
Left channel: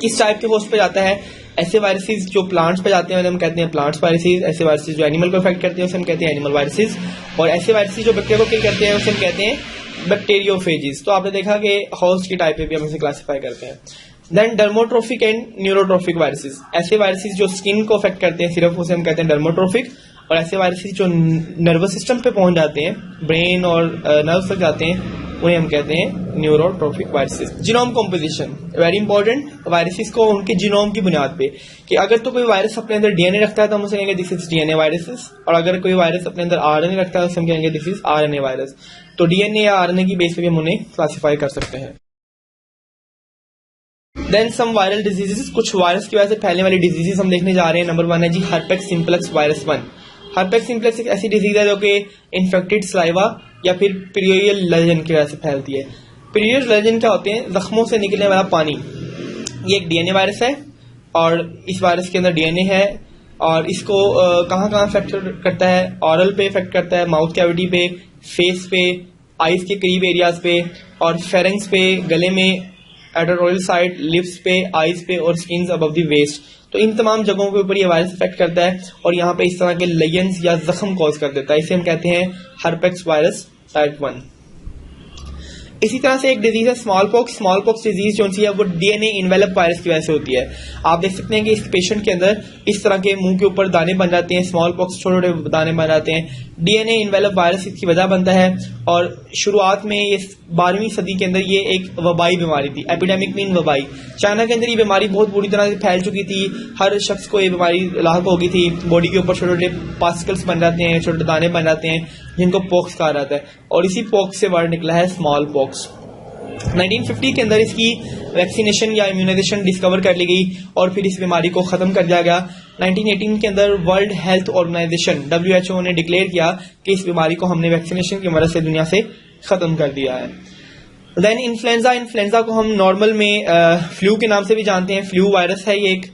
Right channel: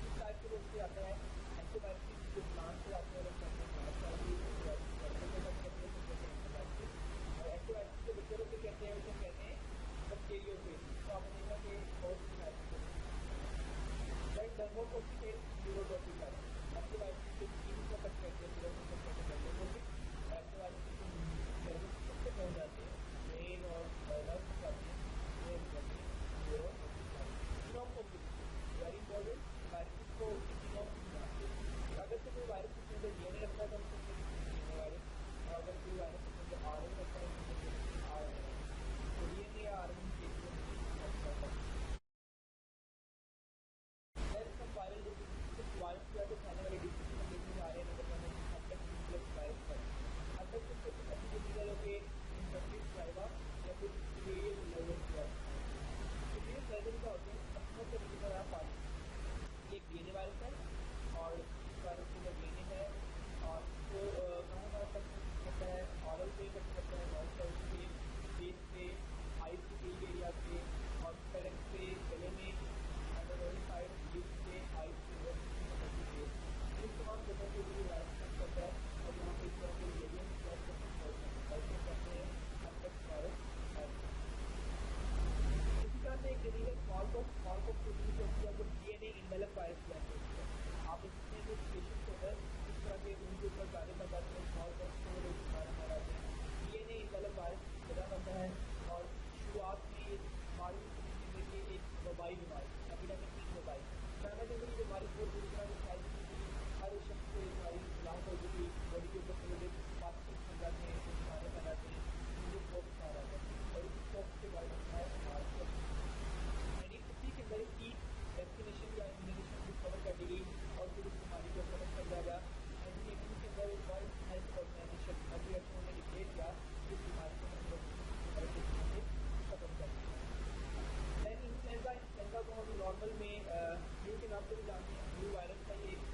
किस टाइप के होस्ट पे जाता है, ऐसे वायरसेस जो प्लांट्स पे जाते हैं हम कहते हैं प्लांट्स वायरसेस, ऐसे वायरसेस जो एनिमल को इफेक्ट करते हैं उसे हम कहते हैं एनिमल वायरसेस, और ऐसे वायरसेस जो बैक्टीरिया को किल करते हैं उसे हम कहते हैं बैक्टीरियोफेजिस। तो आपने देखा कि होस्ट की टाइप पे भी हम इसे क्लासिफाई करते हैं। देन डर्मोट्रोफिक एंड न्यूरोट्रोफिक वायरसेस, ऐसे वायरसेस जो स्किन को इफेक्ट करते हैं सिर्फ उसे हम कहते हैं डर्मोट्रोफिक, और ऐसे वायरसेस जो नर्वस सिस्टम पे पहुंच जाते हैं, ब्रेन और नर्व तक जाते हैं, उन्हें हम कहते हैं neurotrophic viruses. Genome composition very important, viruses को उनके जीनोम की बुनियाद पे, कि अगर तो कोई वायरस अपने अंदर डीएनए रखता है तो हम उसे कहेंगे दिस इज डीएनए वायरसेस, और अगर कोई वायरस अपने अंदर आरएनए रखता है तो हम कहेंगे दिस इज आरएनए वायरस। तो डीएनए या आरएनए की बेस पे हम उन्हें क्लासिफाई कर सकते हैं। देन सम वायरल डिजीजेस, कुछ वायरस की वजह से फैलने वाली डिजीजेस हम देखने जा रहे हैं। नंबर 1 है जी हर्पेक्स सिंप्लेक्स वायरस 1। हर्पेक्स सिंप्लेक्स एक ऐसी डिजीज है जो कि इन्फेक्टेड सलाइवा या फिर पीरियोडियल लेजन की वजह से फैलती है। पीरियोडियल लेजन क्या होते हैं, जख्मों से निकलने वाला पानी। ये एक डीएनए वायरस है और इस वायरस के अंदर डीएनए है, और इसको कहाँ कहाँ इफेक्ट करता है, ऑरल पे इफेक्ट करता है, माउथ कैविटी पे, फेस पे, आइज के करीब एरियाज पे, और फेरेंक्स पे, गले में, एडोरोल साइड, लिप्स पे, आइज पे, और स्किन अबव द वेस्ट। तो इन तमाम जगहों के ऊपर ये वायरस इफेक्ट करता है और यहाँ पे इस तरह के लेयंस या जख्म कॉज कर देता है। इसे हम कहते हैं हर्पेक्स वायरस टाइप 1। इसी तरह से एक डिजीज है small pox. Small pox disease जो सी है वो डीएनए इन्वेलप वायरस की वजह से होती है। आप देख सकते हैं कि इस पेशेंट के अंदर इस तरह के मुंह के ऊपर दाने बन जाते हैं, स्मॉल पॉक्स छोटे छोटे दाने बन जाते हैं। डीएनए इन्वेलप वायरस इसकी वजह बनता है, और शुरुआत में ये 12वीं सदी के अंदर ये एक वबाई बीमारी थी, एपिडेमिक मीन वबाई। चाइना के अंदर ये बीमारी बहुत बुरी तरह से फैल चुकी थी, हर शख्स को ये बीमारी लाक हो गई थी। बॉडी के ऊपर छोटे छोटे पार्टिकल्स बन जाते हैं, छोटे दाने बन जाते हैं, जिनको पॉक्स कहा जाता है, और इसी पॉक्स से वर्ड निकला है स्मॉल पॉक्स। 1950 के अंदर इसकी वैक्सीनेशन या इम्यूनाइजेशन डिस्कवर कर ली गई और फिर इस बीमारी को खत्म कर दिया गया। 1918 के अंदर वर्ल्ड हेल्थ ऑर्गेनाइजेशन WHO ने डिक्लेयर किया कि इस बीमारी को हमने वैक्सीनेशन की मदद से दुनिया से खत्म कर दिया है। देन इन्फ्लुएंजा, इन्फ्लुएंजा को हम नॉर्मल में फ्लू के नाम से भी जानते हैं। फ्लू वायरस है, ये एक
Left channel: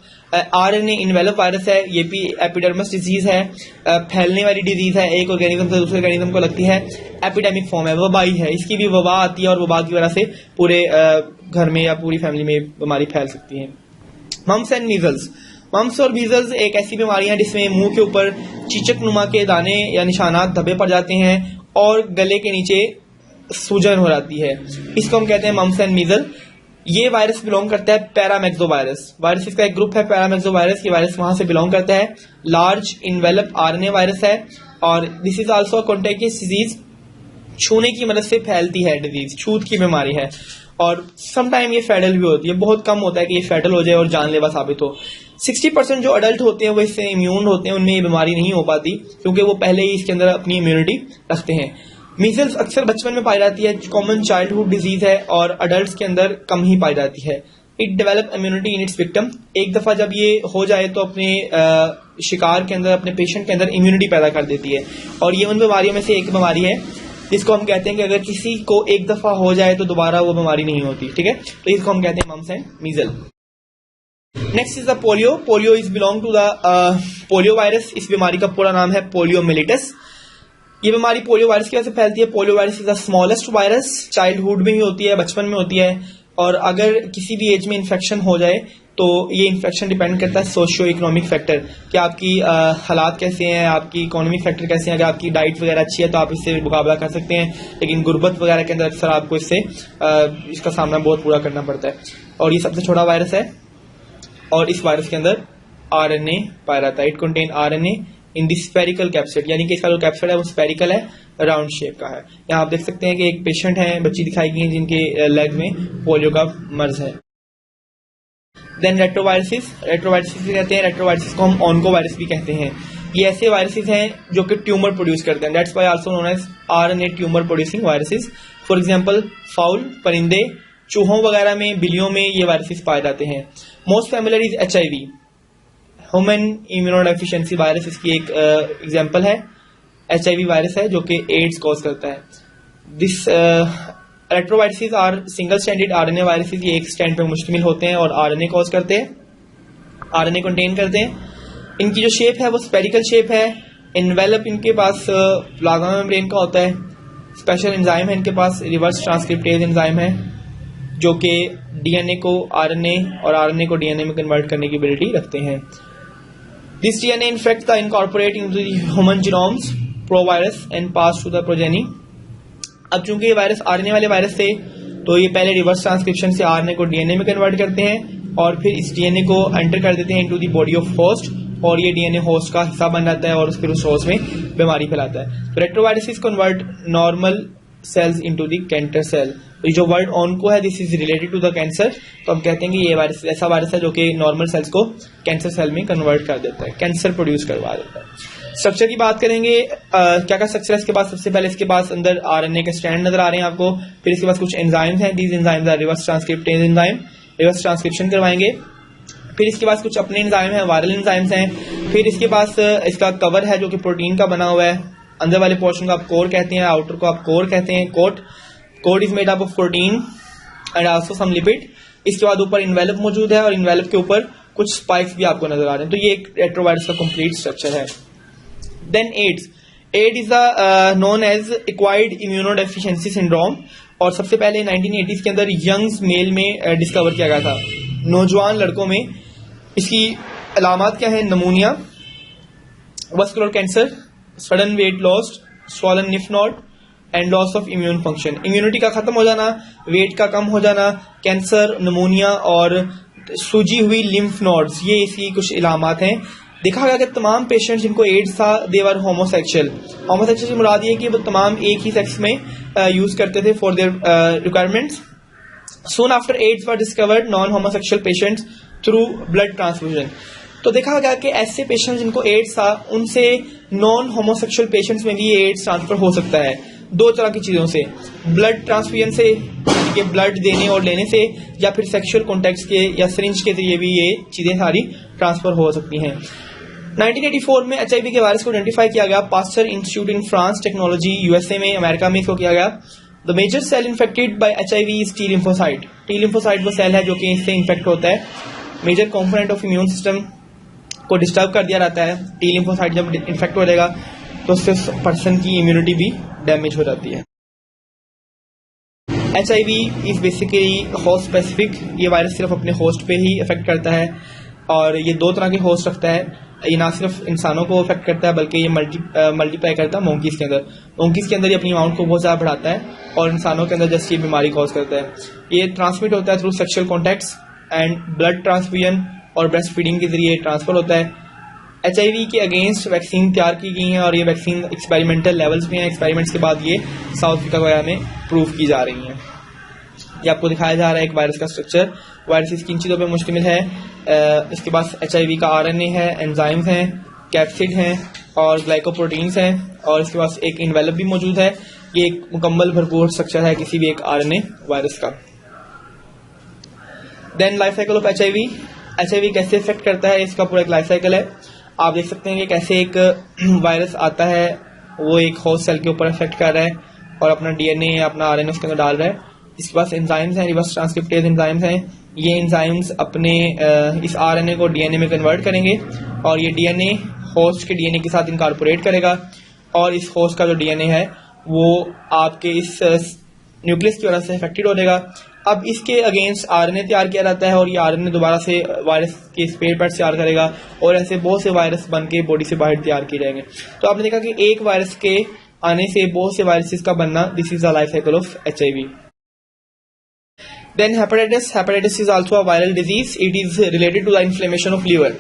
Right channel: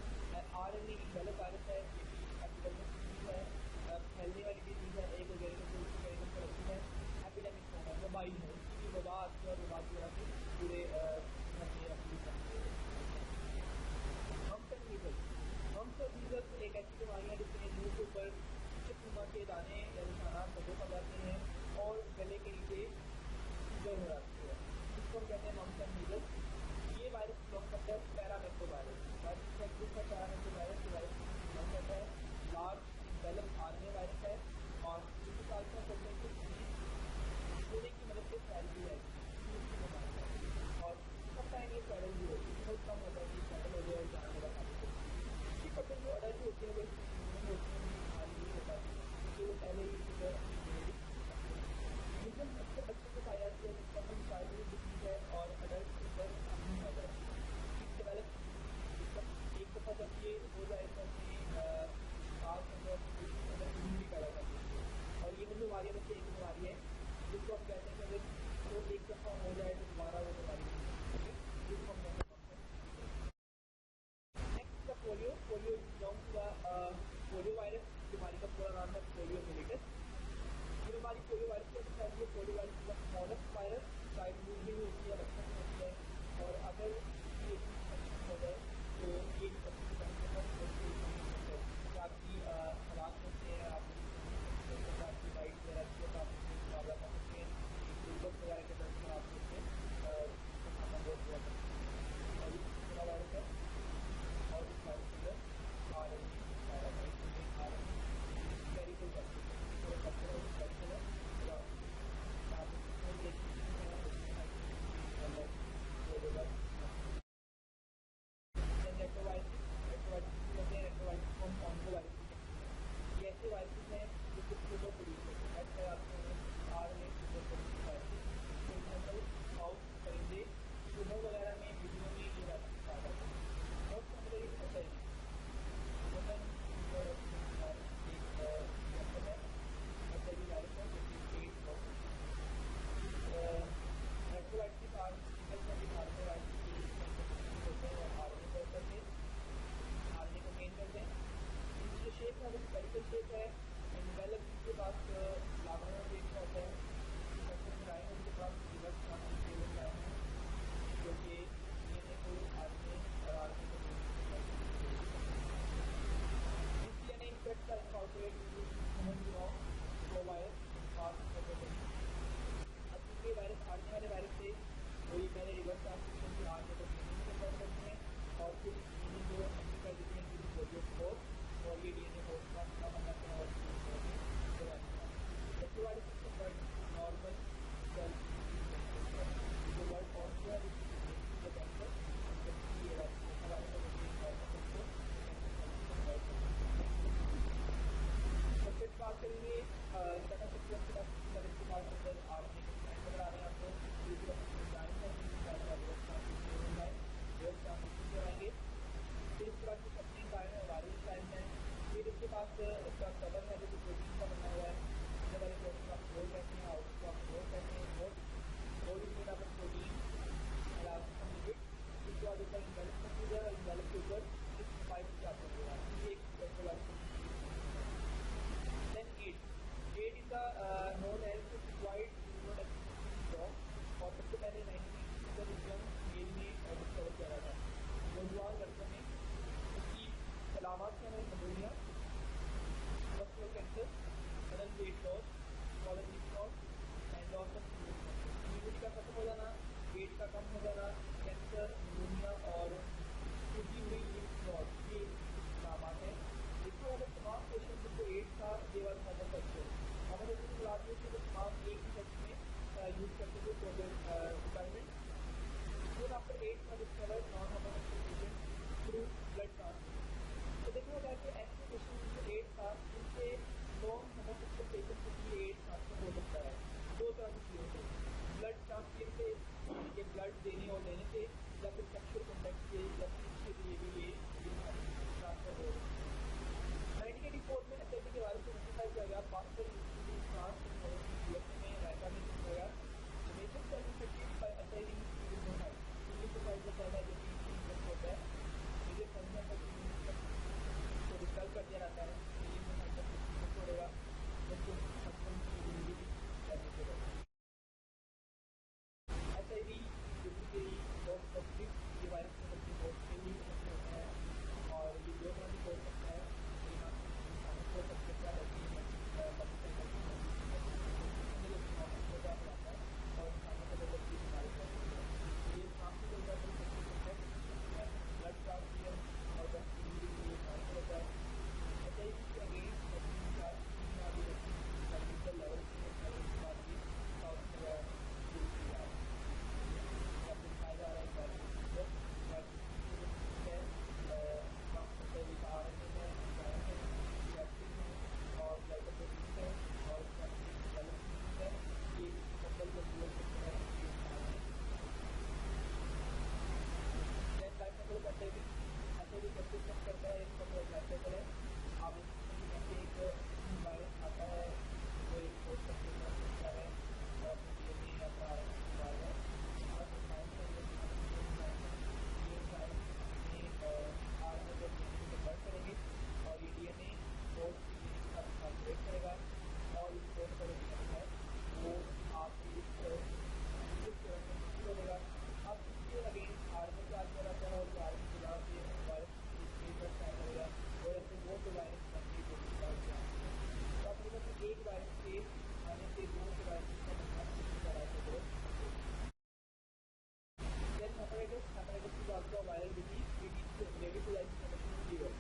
आरएनए इन्वेलप वायरस है, ये भी एपिडर्मस डिजीज है, फैलने वाली डिजीज है, एक ऑर्गेनिज्म से दूसरे ऑर्गेनिज्म को लगती है, एपिडेमिक फॉर्म है, वबाई है, इसकी भी वबा आती है और वबा की वजह से पूरे घर में या पूरी फैमिली में बीमारी फैल सकती है। मम्स एंड मीजल्स, मम्स और मीजल्स एक ऐसी बीमारी है जिसमें मुंह के ऊपर चीचक नुमा के दाने या निशानात धब्बे पड़ जाते हैं और गले के नीचे सूजन हो जाती है, इसको हम कहते हैं मम्स एंड मीजल। ये वायरस बिलोंग करता है पैरामेक्सो वायरस, वायरस इसका एक ग्रुप है पैरामेक्सो वायरस, ये वायरस वहां से बिलोंग करता है। लार्ज इन्वेलप आरएनए वायरस है और दिस इज आल्सो कॉन्टेगियस डिजीज, छूने की मदद से फैलती है डिजीज, छूत की बीमारी है, और समटाइम ये फेडल भी होती है, बहुत कम होता है कि ये फेडल हो जाए और जानलेवा साबित हो। 60% जो अडल्ट होते हैं वो इससे इम्यून होते हैं, उनमें ये बीमारी नहीं हो पाती क्योंकि वो पहले ही इसके अंदर अपनी इम्यूनिटी रखते हैं। मीजल्स अक्सर बचपन में पाई जाती है, कॉमन चाइल्डहुड डिजीज है और अडल्ट के अंदर कम ही पाई जाती है। It develop immunity in its victim, एक दफा जब ये हो जाए तो अपने शिकार के अंदर, अपने पेशेंट के अंदर इम्यूनिटी पैदा कर देती है, और ये उन बीमारियों में से एक बीमारी है जिसको हम कहते हैं कि अगर किसी को एक दफा हो जाए तो दोबारा वो बीमारी नहीं होती, ठीक है, तो इसको हम कहते हैं mumps and measle. Next is the polio. Polio is belong to the polio virus, इस बीमारी का पूरा नाम है पोलियोमिलिटस। ये बीमारी पोलियो वायरस की वजह से फैलती है। Polio virus is the smallest virus, childhood में ही होती है, बचपन में होती है, और अगर किसी भी एज में इन्फेक्शन हो जाए तो ये इन्फेक्शन डिपेंड करता है सोशियो इकोनॉमिक फैक्टर, कि आपकी हालात कैसे हैं, आपकी इकोनॉमिक फैक्टर कैसे हैं। अगर आपकी डाइट वगैरह अच्छी है तो आप इससे मुकाबला कर सकते हैं, लेकिन गुर्बत वगैरह के अंदर अक्सर आपको इससे इसका सामना बहुत पूरा करना पड़ता है। और ये सबसे छोटा वायरस है और इस वायरस के अंदर RNA पाया जाता है। It contain RNA in the spherical capsid, यानी कि इसका जो कैप्सिड है वो स्फेरिकल है, राउंड शेप का है। यहाँ आप देख सकते हैं कि एक पेशेंट है, बच्ची दिखाई गई है जिनके लेग में पोलियो का मर्ज है। देन रेट्रोवायरसिस, रेट्रोवायरसिस भी कहते हैं, रेट्रोवायरसिस को हम ऑन्कोवायरस भी कहते हैं। ये ऐसे वायरसेस हैं जो कि ट्यूमर प्रोड्यूस करते हैं, that's why also known as RNA tumour producing viruses. For example fowl, परिंदे, चूहों वगैरह में, बिल्लियों में ये वायरसेस पाए जाते हैं। Most familiar is HIV, human immunodeficiency virus इसकी एक एग्जांपल है। HIV वायरस है जो कि एड्स कॉज करता है। This retroviruses are single stranded RNA viruses, ये एक स्ट्रैंड पे मुश्तमिल होते हैं और RNA कॉज करते हैं, RNA कंटेन करते हैं। इनकी जो शेप है वो स्पेरिकल शेप है। इन्वेलप इनके पास प्लाज्मा मेम्ब्रेन का होता है। स्पेशल एंजाइम है इनके पास, रिवर्स ट्रांसक्रिप्टेज एंजाइम है जो कि DNA को RNA और RNA को DNA में कन्वर्ट करने की एबिलिटी रखते हैं। This DNA infect the incorporate into the human genomes provirus and pass to the progeny. अब चूंकि ये वायरस RNA वाले वायरस थे तो ये पहले रिवर्स ट्रांसक्रिप्शन से RNA को DNA में कन्वर्ट करते हैं और फिर इस DNA को एंटर कर देते हैं into the body of host, और ये DNA होस्ट का हिस्सा बन जाता है और फिर उस होस्ट में बीमारी फैलाता है। तो retroviruses convert normal cells into the cancer cell. तो ये जो वर्ड ऑन्को है this is related to the cancer, तो हम कहते हैं कि ये वायरस ऐसा वायरस है जो कि नॉर्मल सेल्स को कैंसर सेल में कन्वर्ट कर देता है, कैंसर प्रोड्यूस करवा देता है। स्ट्रक्चर की बात करेंगे, क्या क्या स्ट्रक्चर है इसके पास। सबसे पहले इसके पास अंदर RNA के स्ट्रैंड नजर आ रहे हैं आपको, फिर इसके पास कुछ एंजाइम्स हैं, these enzymes are reverse transcriptase enzyme, reverse transcription करवाएंगे। फिर इसके पास कुछ अपने एंजाइम हैं, वायरल एंजाइम्स हैं। फिर इसके पास इसका कवर है जो कि प्रोटीन का बना हुआ है, अंदर वाले पोर्शन को आप कोर कहते हैं, आउटर को आप कोर कहते हैं। Coat is made up of protein and also some lipid. इसके बाद ऊपर इन्वेलप मौजूद है और इन्वेलप के ऊपर कुछ स्पाइक्स भी आपको नजर आ रहे हैं। तो ये एक रेट्रोवायरस का कंप्लीट स्ट्रक्चर है। Then AIDS, aid is known as acquired immunodeficiency syndrome, और सबसे पहले 1980s के अंदर यंग्स मेल में डिस्कवर किया गया था, नौजवान लड़कों में। इसकी अलामात क्या है? नमूनिया, vascular cancer, sudden weight loss, swollen lymph node and loss of immune function. Immunity का खत्म हो जाना, वेट का कम हो जाना, कैंसर, नमूनिया और सूजी हुई लिम्फ नोड्स, ये इसकी कुछ इलामात हैं। देखा गया कि तमाम पेशेंट जिनको एड्स था दे वर होमोसेक्सुअल। होमोसेक्सुअल से मुराद ये कि वो तमाम एक ही सेक्स में यूज करते थे for their requirements. Soon after AIDS were discovered non-homosexual patients through blood transfusion. तो देखा गया कि ऐसे पेशेंट्स जिनको एड्स था उनसे नॉन होमोसेक्सुअल पेशेंट्स में भी एड्स ट्रांसफर हो सकता है, दो तरह की चीजों से, ब्लड ट्रांसफ्यूजन से, यानी कि ब्लड देने और लेने से, या फिर सेक्सुअल कॉन्टैक्ट के या सिरिंज के जरिए भी ये चीजें सारी ट्रांसफर हो सकती हैं। 1984 में HIV के वायरस को आइडेंटिफाई किया गया, Pasteur Institute in France, technology USA में, अमेरिका में इसको किया गया। The major cell infected by HIV is T lymphocyte। T lymphocyte वो सेल है जो कि इससे इन्फेक्ट होता है। Major component of immune system को डिस्टर्ब कर दिया जाता है। T lymphocyte जब इन्फेक्ट हो जाएगा तो उससे पर्सन की इम्यूनिटी भी डैमेज हो जाती है। HIV is basically host specific, ये वायरस सिर्फ अपने होस्ट पे ही इफेक्ट करता है और ये दो तरह के होस्ट रखता है। ये ना सिर्फ इंसानों को इफेक्ट करता है बल्कि ये मल्टीप्लाई करता है मोंकीज के अंदर। मोंकीज के अंदर ये अपनी अमाउंट को बहुत ज़्यादा बढ़ाता है और इंसानों के अंदर जस्ट ये बीमारी कॉज करता है। ये ट्रांसमिट होता है through sexual contacts and blood transfusion और ब्रेस्ट फीडिंग के जरिए ट्रांसफर होता है। HIV के अगेंस्ट वैक्सीन तैयार की गई हैं और ये वैक्सीन एक्सपेरिमेंटल लेवल्स पे हैं। एक्सपेरिमेंट्स के बाद ये साउथ अफ्रीका वगैरह में प्रूव की जा रही हैं। ये आपको दिखाया जा रहा है एक वायरस का स्ट्रक्चर। वायरस किन चीज़ों पे मुश्तमिल है? इसके पास HIV का RNA है, एंजाइम्स हैं, कैप्सिड हैं और ग्लाइकोप्रोटीन्स हैं और इसके पास एक इन्वेलप भी मौजूद है। ये एक मुकम्मल भरपूर स्ट्रक्चर है किसी भी एक RNA वायरस का। Then life cycle of HIV। HIV कैसे इफेक्ट करता है, इसका पूरा एक लाइफ साइकिल है। आप देख सकते हैं कि कैसे एक वायरस आता है, वो एक होस्ट सेल के ऊपर इफेक्ट कर रहा है और अपना DNA या अपना RNA उसके अंदर डाल रहा है। इसके पास एंजाइम्स हैं, रिवर्स ट्रांसक्रिप्टेज एंजाइम्स हैं। ये एंजाइम्स अपने इस RNA को DNA में कन्वर्ट करेंगे और ये DNA होस्ट के DNA के साथ इनकॉर्पोरेट करेगा और इस होस्ट का जो DNA है वो आपके इस न्यूक्लियस की वजह से इफेक्टेड हो जाएगा। अब इसके अगेंस्ट RNA तैयार किया जाता है और ये RNA दोबारा से वायरस के स्पेयर पार्ट तैयार करेगा और ऐसे बहुत से वायरस बन के बॉडी से बाहर तैयार किए जाएंगे। तो आपने देखा कि एक वायरस के आने से बहुत से वायरसेस का बनना, this is the life cycle of HIV। Then hepatitis is also a viral disease. It is related to the inflammation of liver.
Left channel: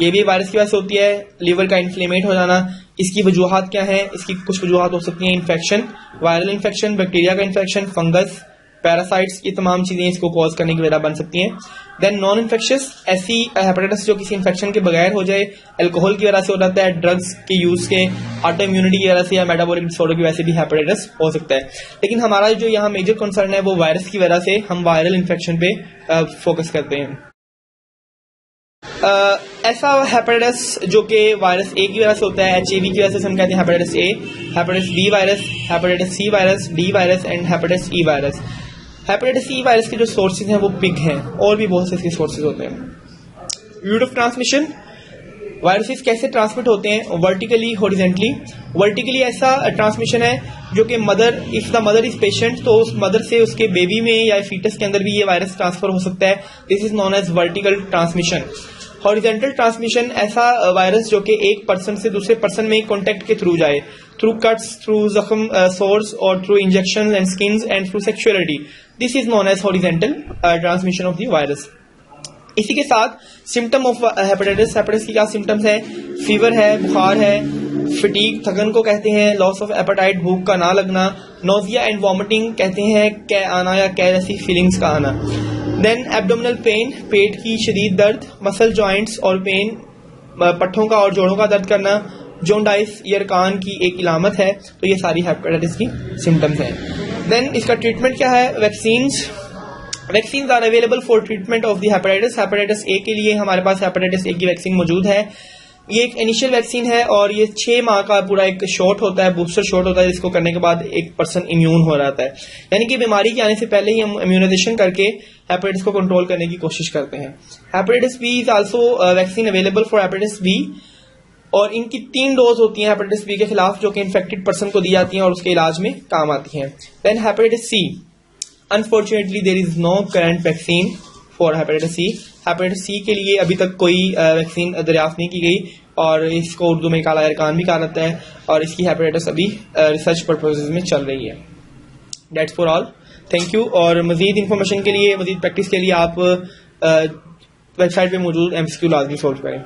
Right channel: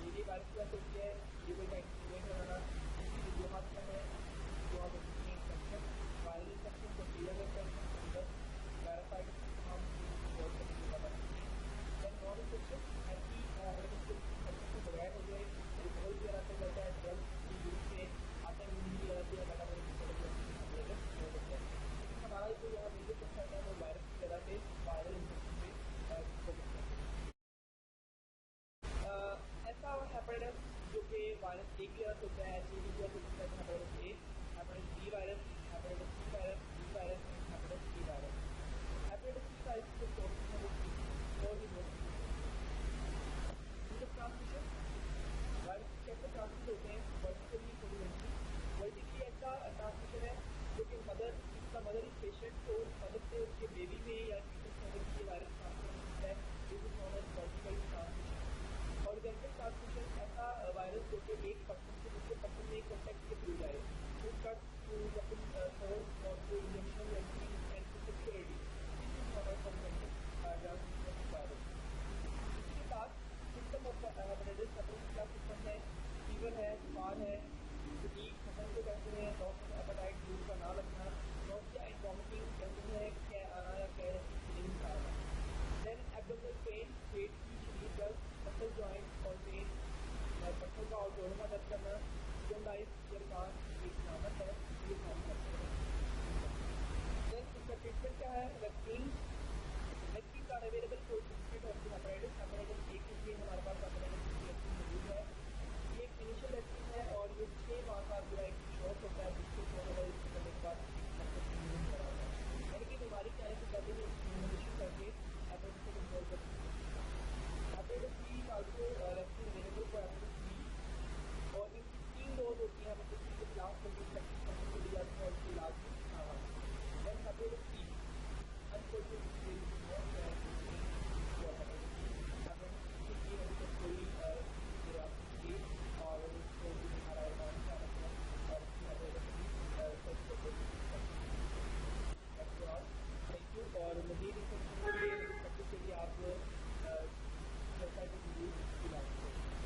ये भी वायरस की वजह से होती है। लीवर का इन्फ्लेमेट हो जाना, इसकी वजूहात क्या हैं? इसकी कुछ वजूहात हो सकती हैं इन्फेक्शन, वायरल इन्फेक्शन, बैक्टीरिया का इन्फेक्शन, फंगस, पैरासाइट्स, ये तमाम चीज़ें इसको कॉज करने की वजह बन सकती हैं। देन नॉन इन्फेक्शियस, ऐसी हेपेटाइटिस जो किसी इन्फेक्शन के बगैर हो जाए, अल्कोहल की वजह से हो जाता है, ड्रग्स के यूज़ के, ऑटो इम्यूनिटी की वजह से या मेटाबॉलिक डिसऑर्डर की वजह से भी हेपेटाइटिस हो सकता है। लेकिन हमारा जो यहाँ मेजर कंसर्न है वो वायरस की वजह से, हम वायरल इन्फेक्शन पे फोकस करते हैं। ऐसा हेपेटाइटिस जो कि वायरस ए की वजह से होता है, HIV की वजह से हम कहते हैं hepatitis A, hepatitis B virus, hepatitis C virus, D virus and hepatitis E virus. Hepatitis E virus के जो सोर्सेज हैं वो पिग हैं, और भी बहुत से इसके सोर्सेज होते हैं। रूट ऑफ ट्रांसमिशन, वायरसेस कैसे ट्रांसमिट होते हैं? Vertically, horizontally. वर्टिकली ऐसा ट्रांसमिशन है जो कि mother, if the mother is patient, तो उस मदर से उसके बेबी में या फीटस के अंदर भी ये वायरस ट्रांसफर हो सकता है। This is known as vertical transmission. Horizontal transmission, ऐसा वायरस जो कि एक पर्सन से दूसरे पर्सन में कॉन्टेक्ट के थ्रू जाए, थ्रू कट्स, थ्रू जख्म सोर्स और through injection and skins and through sexuality. This is known as horizontal transmission of the virus. इसी के साथ सिम्टम ऑफ हेपेटाइटिस, हेपेटाइटिस की क्या सिम्टम्स है? फीवर है, बुखार है, फटीग, थकन को कहते हैं, लॉस ऑफ एपेटाइट, भूख का ना लगना, नोजिया एंड वॉमिटिंग कहते हैं, कै आना या कै जैसी फीलिंग्स का आना। देन एब्डोमिनल पेन, पेट की शदीद दर्द, मसल जॉइंट्स और पेन, पट्ठों का और जोड़ों का दर्द करना, जोंडाइस ईयर कान की एक इलामत है। तो ये सारी हेपेटाइटिस की सिम्टम्स हैं। देन इसका ट्रीटमेंट क्या है? Vaccines, vaccine are available for treatment of the hepatitis. Hepatitis A के लिए हमारे पास हेपेटाइटिस ए की वैक्सीन मौजूद है। ये एक इनिशियल वैक्सीन है और ये 6 माह का पूरा एक शॉट होता है, बूस्टर शॉट होता है, जिसको करने के बाद एक पर्सन इम्यून हो जाता है। यानी कि बीमारी के आने से पहले ही हम इम्यूनाइजेशन करके हेपेटाइटिस को कंट्रोल करने की कोशिश करते हैं। Hepatitis B is also vaccine available for hepatitis B, और इनकी 3 डोज होती हैं हेपेटाइटिस बी के खिलाफ, जो कि इन्फेक्टेड पर्सन को दी जाती हैं और उसके इलाज में काम आती हैं। Then hepatitis C, unfortunately there is no current vaccine for hepatitis C. Hepatitis C के लिए अभी तक कोई वैक्सीन दरियाफ्त नहीं की गई, और इसको उर्दू में काला अरकान भी कहा जाता है, और इसकी हेपेटाइटिस अभी रिसर्च पर्पसेज में चल रही है। That's for all, thank you. और मजीद इन्फॉर्मेशन के लिए, मजीद प्रैक्टिस के लिए आप वेबसाइट पे मौजूद MCQ लाजमी सोल्व करें।